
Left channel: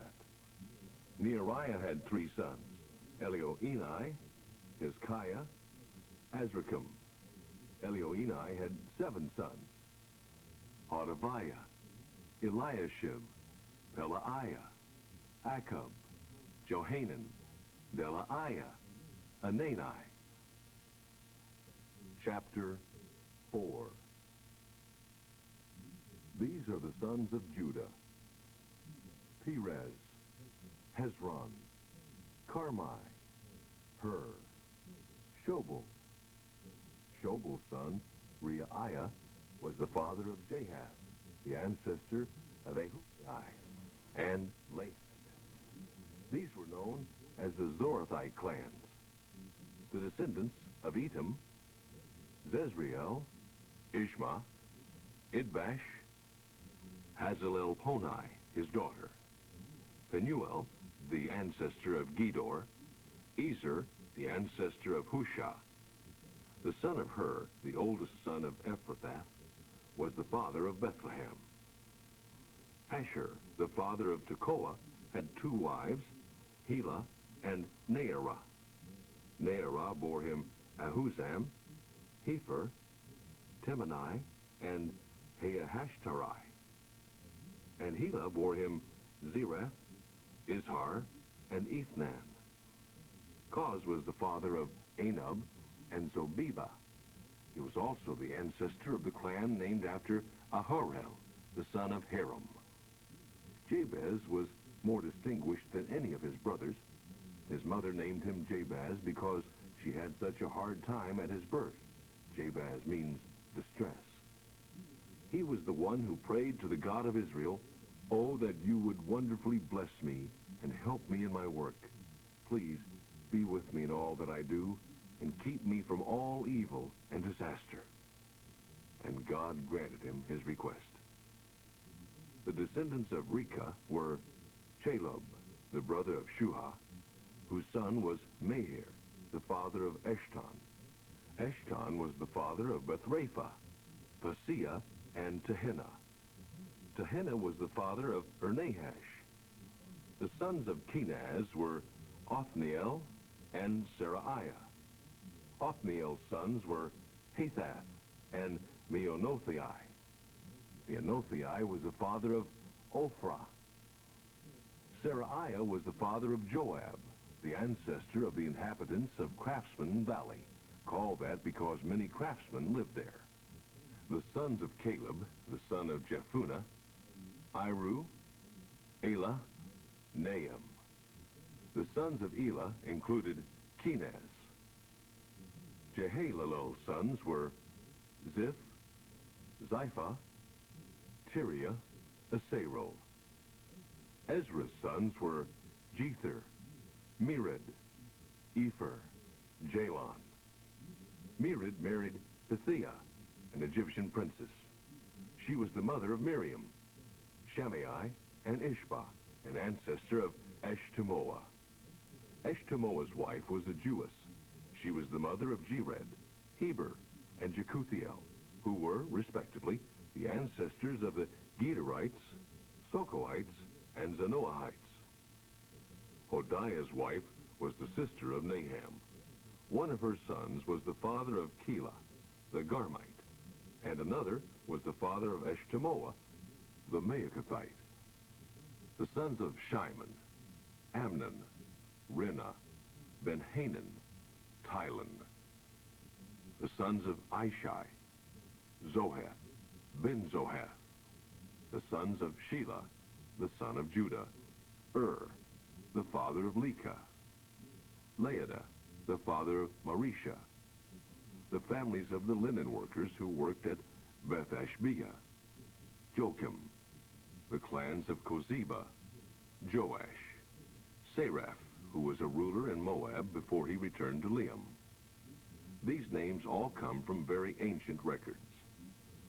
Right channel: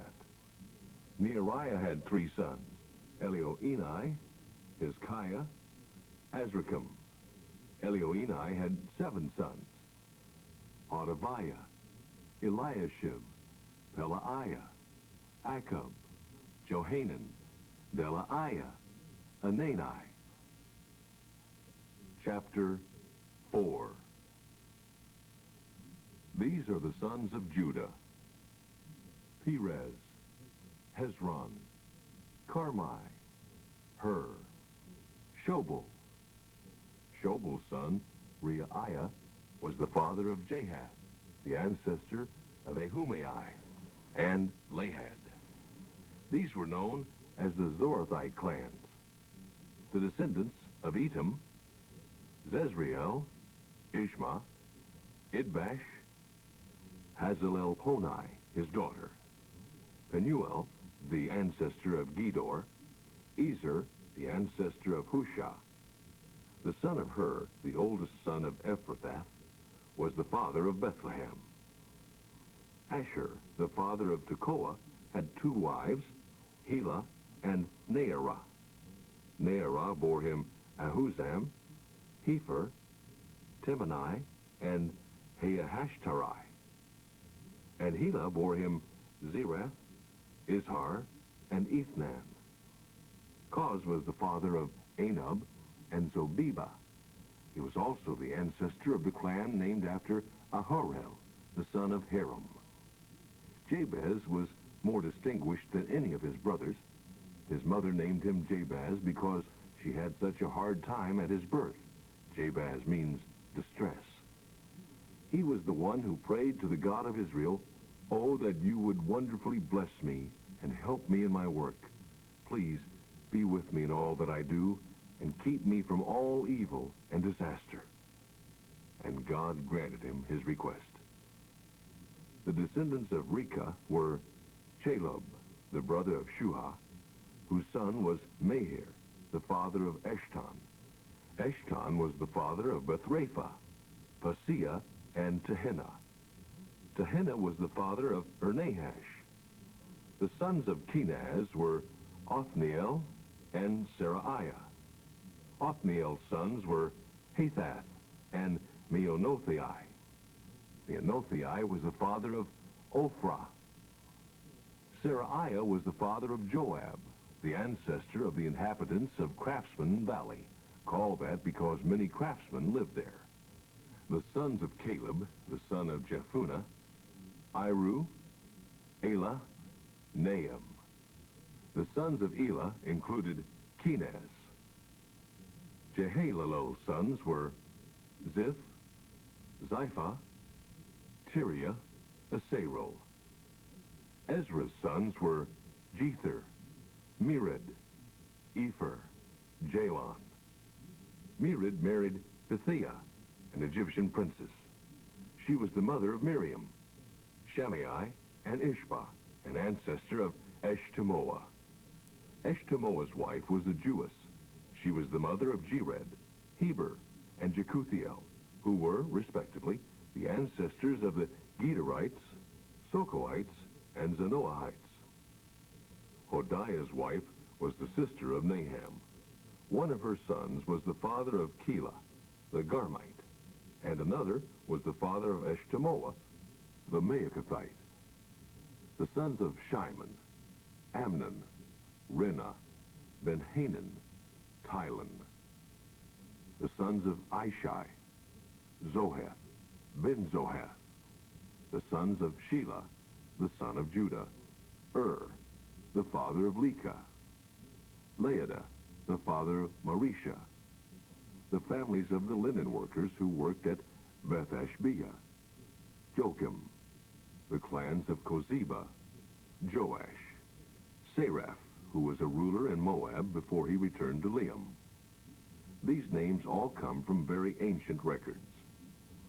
Neariah had 3 sons: Elioenai, Hezekiah, Azrikam. Elioenai had 7 sons: Hodaviah, Eliashib, Pelaiah, Akub, Johanan, Delaiah, Anani. Chapter 4. These are the sons of Judah: Perez, Hezron, Carmi, Hur, Shobal. Shobal's son, Reiah, was the father of Jahath, the ancestor of Ahumai, and Lahad. These were known as the Zorathite clans. The descendants of Etam: Zezriel, Ishma, Idbash, Hazelelponi, his daughter, Penuel, the ancestor of Gedor, Ezer, the ancestor of Hushah. The son of Hur, the oldest son of Ephrathah, was the father of Bethlehem. Asher, the father of Tekoa, had 2 wives, Helah and Naarah. Naarah bore him Ahuzam, Hepher, Temani, and Haahashtari. And Helah bore him Zerah, Izhar, and Ethnan. Koz was the father of Anub and Zobeba. He was also the ancestor of the clan named after Aharel, the son of Haram. Jabez was more distinguished than any of his brothers. His mother named him Jabez because she had such a hard time at his birth. Jabez means distress. He was the one who prayed to the God of Israel, "Oh, that you would wonderfully bless me and help me in my work. Please be with me in all that I do and keep me from all evil and disaster." And God granted him his request. The descendants of Rechah were Chalub, the brother of Shuah, whose son was Meher, the father of Eshton. Eshton was the father of Bethrapha, Paseah, and Tehinnah. Tehinnah was the father of Ernahash. The sons of Kenaz were Othniel and Seraiah. Othniel's sons were Hathath and Meonothai. Meonothai was the father of Ophrah. Seraiah was the father of Joab, the ancestor of the inhabitants of Craftsman Valley, called that because many craftsmen lived there. The sons of Caleb, the son of Jephunneh, Iru, Elah, Nahum. The sons of Elah included Kenaz. Jehalalel's sons were Ziph, Ziphah, Tiria, Asarel. Ezra's sons were Jether, Mered, Epher, Jalon. Mered married Bithiah, an Egyptian princess. She was the mother of Miriam, Shammai, and Ishbah, an ancestor of Eshtemoa. Eshtemoa's wife was a Jewess. She was the mother of Jered, Heber, and Jekuthiel, who were, respectively, the ancestors of the Gederites, Sokoites, and Zanoahites. Hodiah's wife was the sister of Naham. One of her sons was the father of Keilah, the Garmite, and another was the father of Eshtemoa, the Maachathite. The sons of Shimon, Amnon, Rinnah, Ben-Hanan, Tilon. The sons of Ishai, Zohath, Ben-Zohath. The sons of Shelah, the son of Judah, the father of Lekah. Laadah, the father of Marisha. The families of the linen workers who worked at Beth-Ashbea. Joachim. The clans of Kozeba, Joash. Seraph, who was a ruler in Moab before he returned to Liam. These names all come from very ancient records.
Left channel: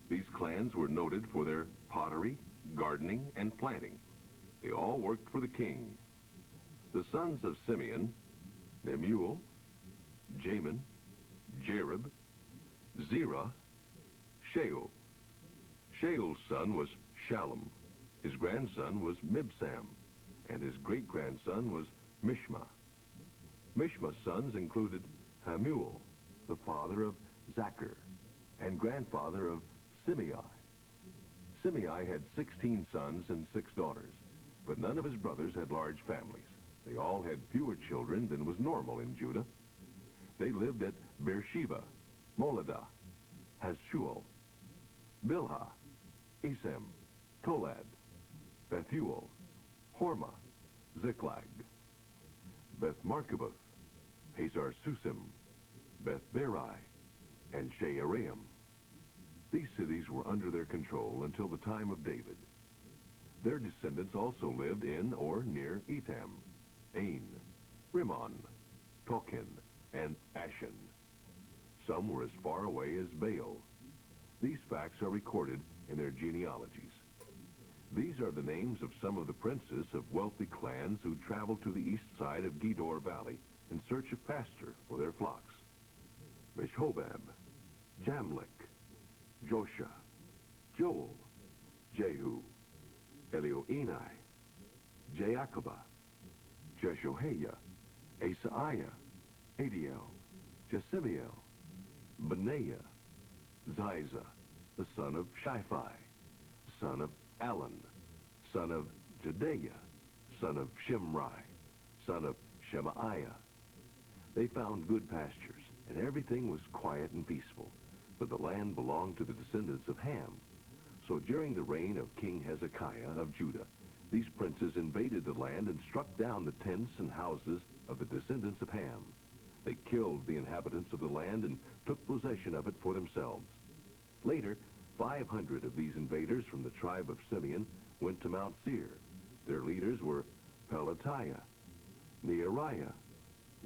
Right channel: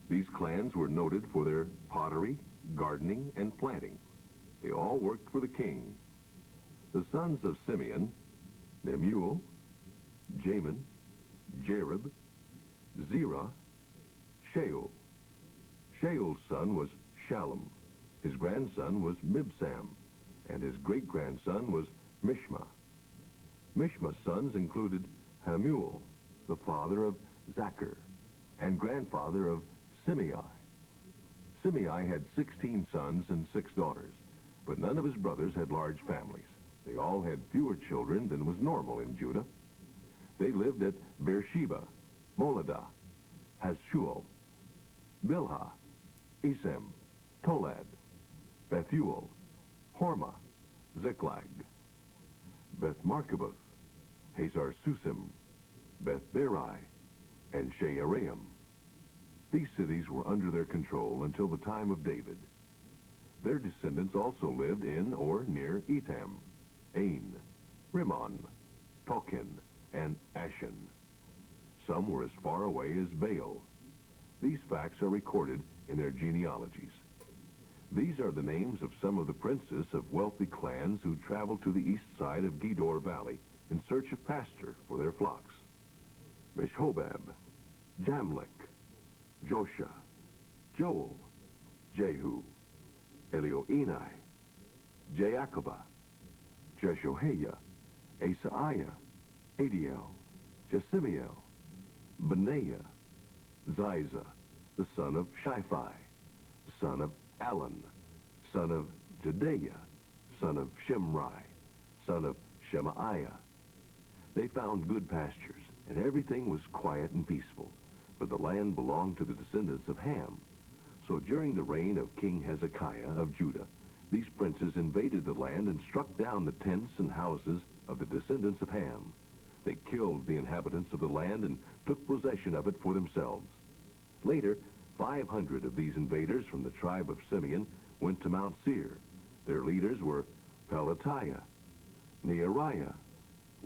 These clans were noted for their pottery, gardening, and planting. They all worked for the king. The sons of Simeon, Nemuel, Jamin, Jerib, Zerah, Sheol. Sheol's son was Shallum. His grandson was Mibsam, and his great-grandson was Mishma. Mishma's sons included Hamuel, the father of Zachar, and grandfather of Simei. Simei had 16 sons and 6 daughters, but none of his brothers had large families. They all had fewer children than was normal in Judah. They lived at Beersheba, Moladah, Hazshual, Bilhah, Esem, Tolad, Bethuel, Hormah, Ziklag, Beth-Markaboth, Hazar-Susim, Beth-Berai, and Shearaim. These cities were under their control until the time of David. Their descendants also lived in or near Etam, Ain, Rimmon, Tochen, and Ashan. Some were as far away as Baal. These facts are recorded in their genealogies. These are the names of some of the princes of wealthy clans who traveled to the east side of Gedor Valley in search of pasture for their flocks. Meshobab, Jamlech, Josha, Joel, Jehu, Elioenai, Jaakobah, Jeshohaiah, Asaiah, Adiel, Jesimiel, Benaiah, Ziza, the son of Shiphi, son of Alan, son of Jedaiah, son of Shimri, son of Shemaiah. They found good pastures, and everything was quiet and peaceful, for the land belonged to the descendants of Ham. So during the reign of King Hezekiah of Judah, these princes invaded the land and struck down the tents and houses of the descendants of Ham. They killed the inhabitants of the land and took possession of it for themselves. Later, 500 of these invaders from the tribe of Simeon went to Mount Seir. Their leaders were Pelatiah, Neariah,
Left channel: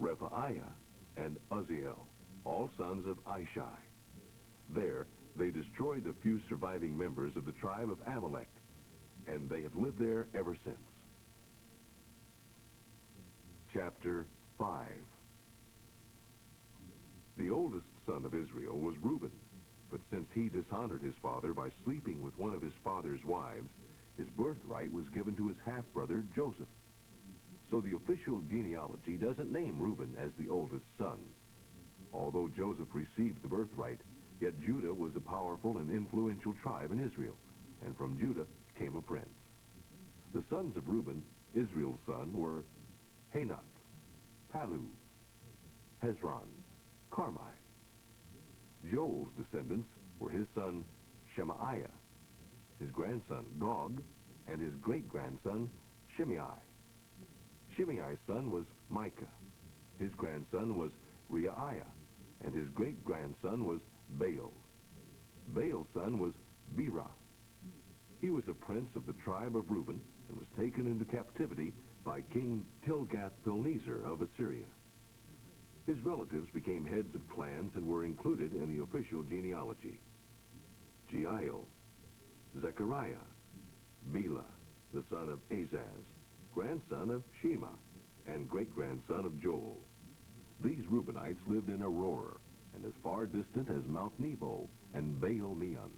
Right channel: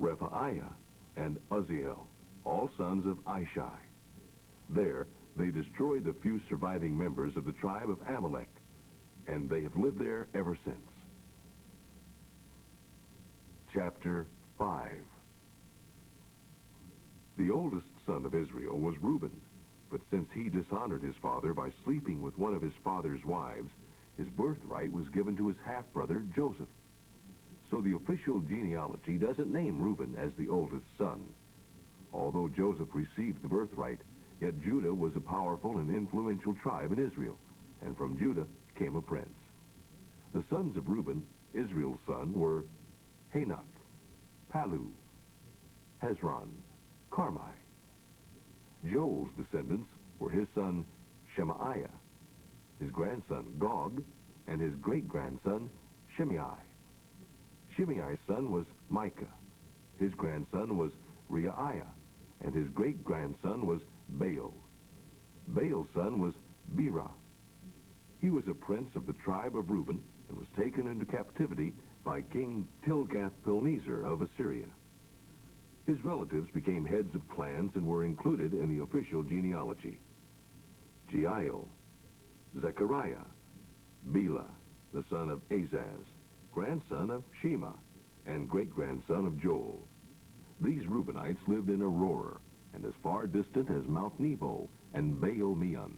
Rephaiah, and Uzziel, all sons of Ishai. There, they destroyed the few surviving members of the tribe of Amalek, and they have lived there ever since. Chapter 5. The oldest son of Israel was Reuben, but since he dishonored his father by sleeping with one of his father's wives, his birthright was given to his half-brother Joseph. So the official genealogy doesn't name Reuben as the oldest son. Although Joseph received the birthright, yet Judah was a powerful and influential tribe in Israel, and from Judah came a prince. The sons of Reuben, Israel's son, were Hanoch, Palu, Hezron, Carmi. Joel's descendants were his son Shemaiah, his grandson Gog, and his great-grandson Shimei. Shimei's son was Micah. His grandson was Reiah, and his great-grandson was Baal. Baal's son was Berah. He was a prince of the tribe of Reuben and was taken into captivity by King Tilgath-Pilneser of Assyria. His relatives became heads of clans and were included in the official genealogy. Jeiel, Zechariah, Bela, the son of Azaz, grandson of Shema, and great-grandson of Joel. These Reubenites lived in Aurora and as far distant as Mount Nebo and Baal-Meon.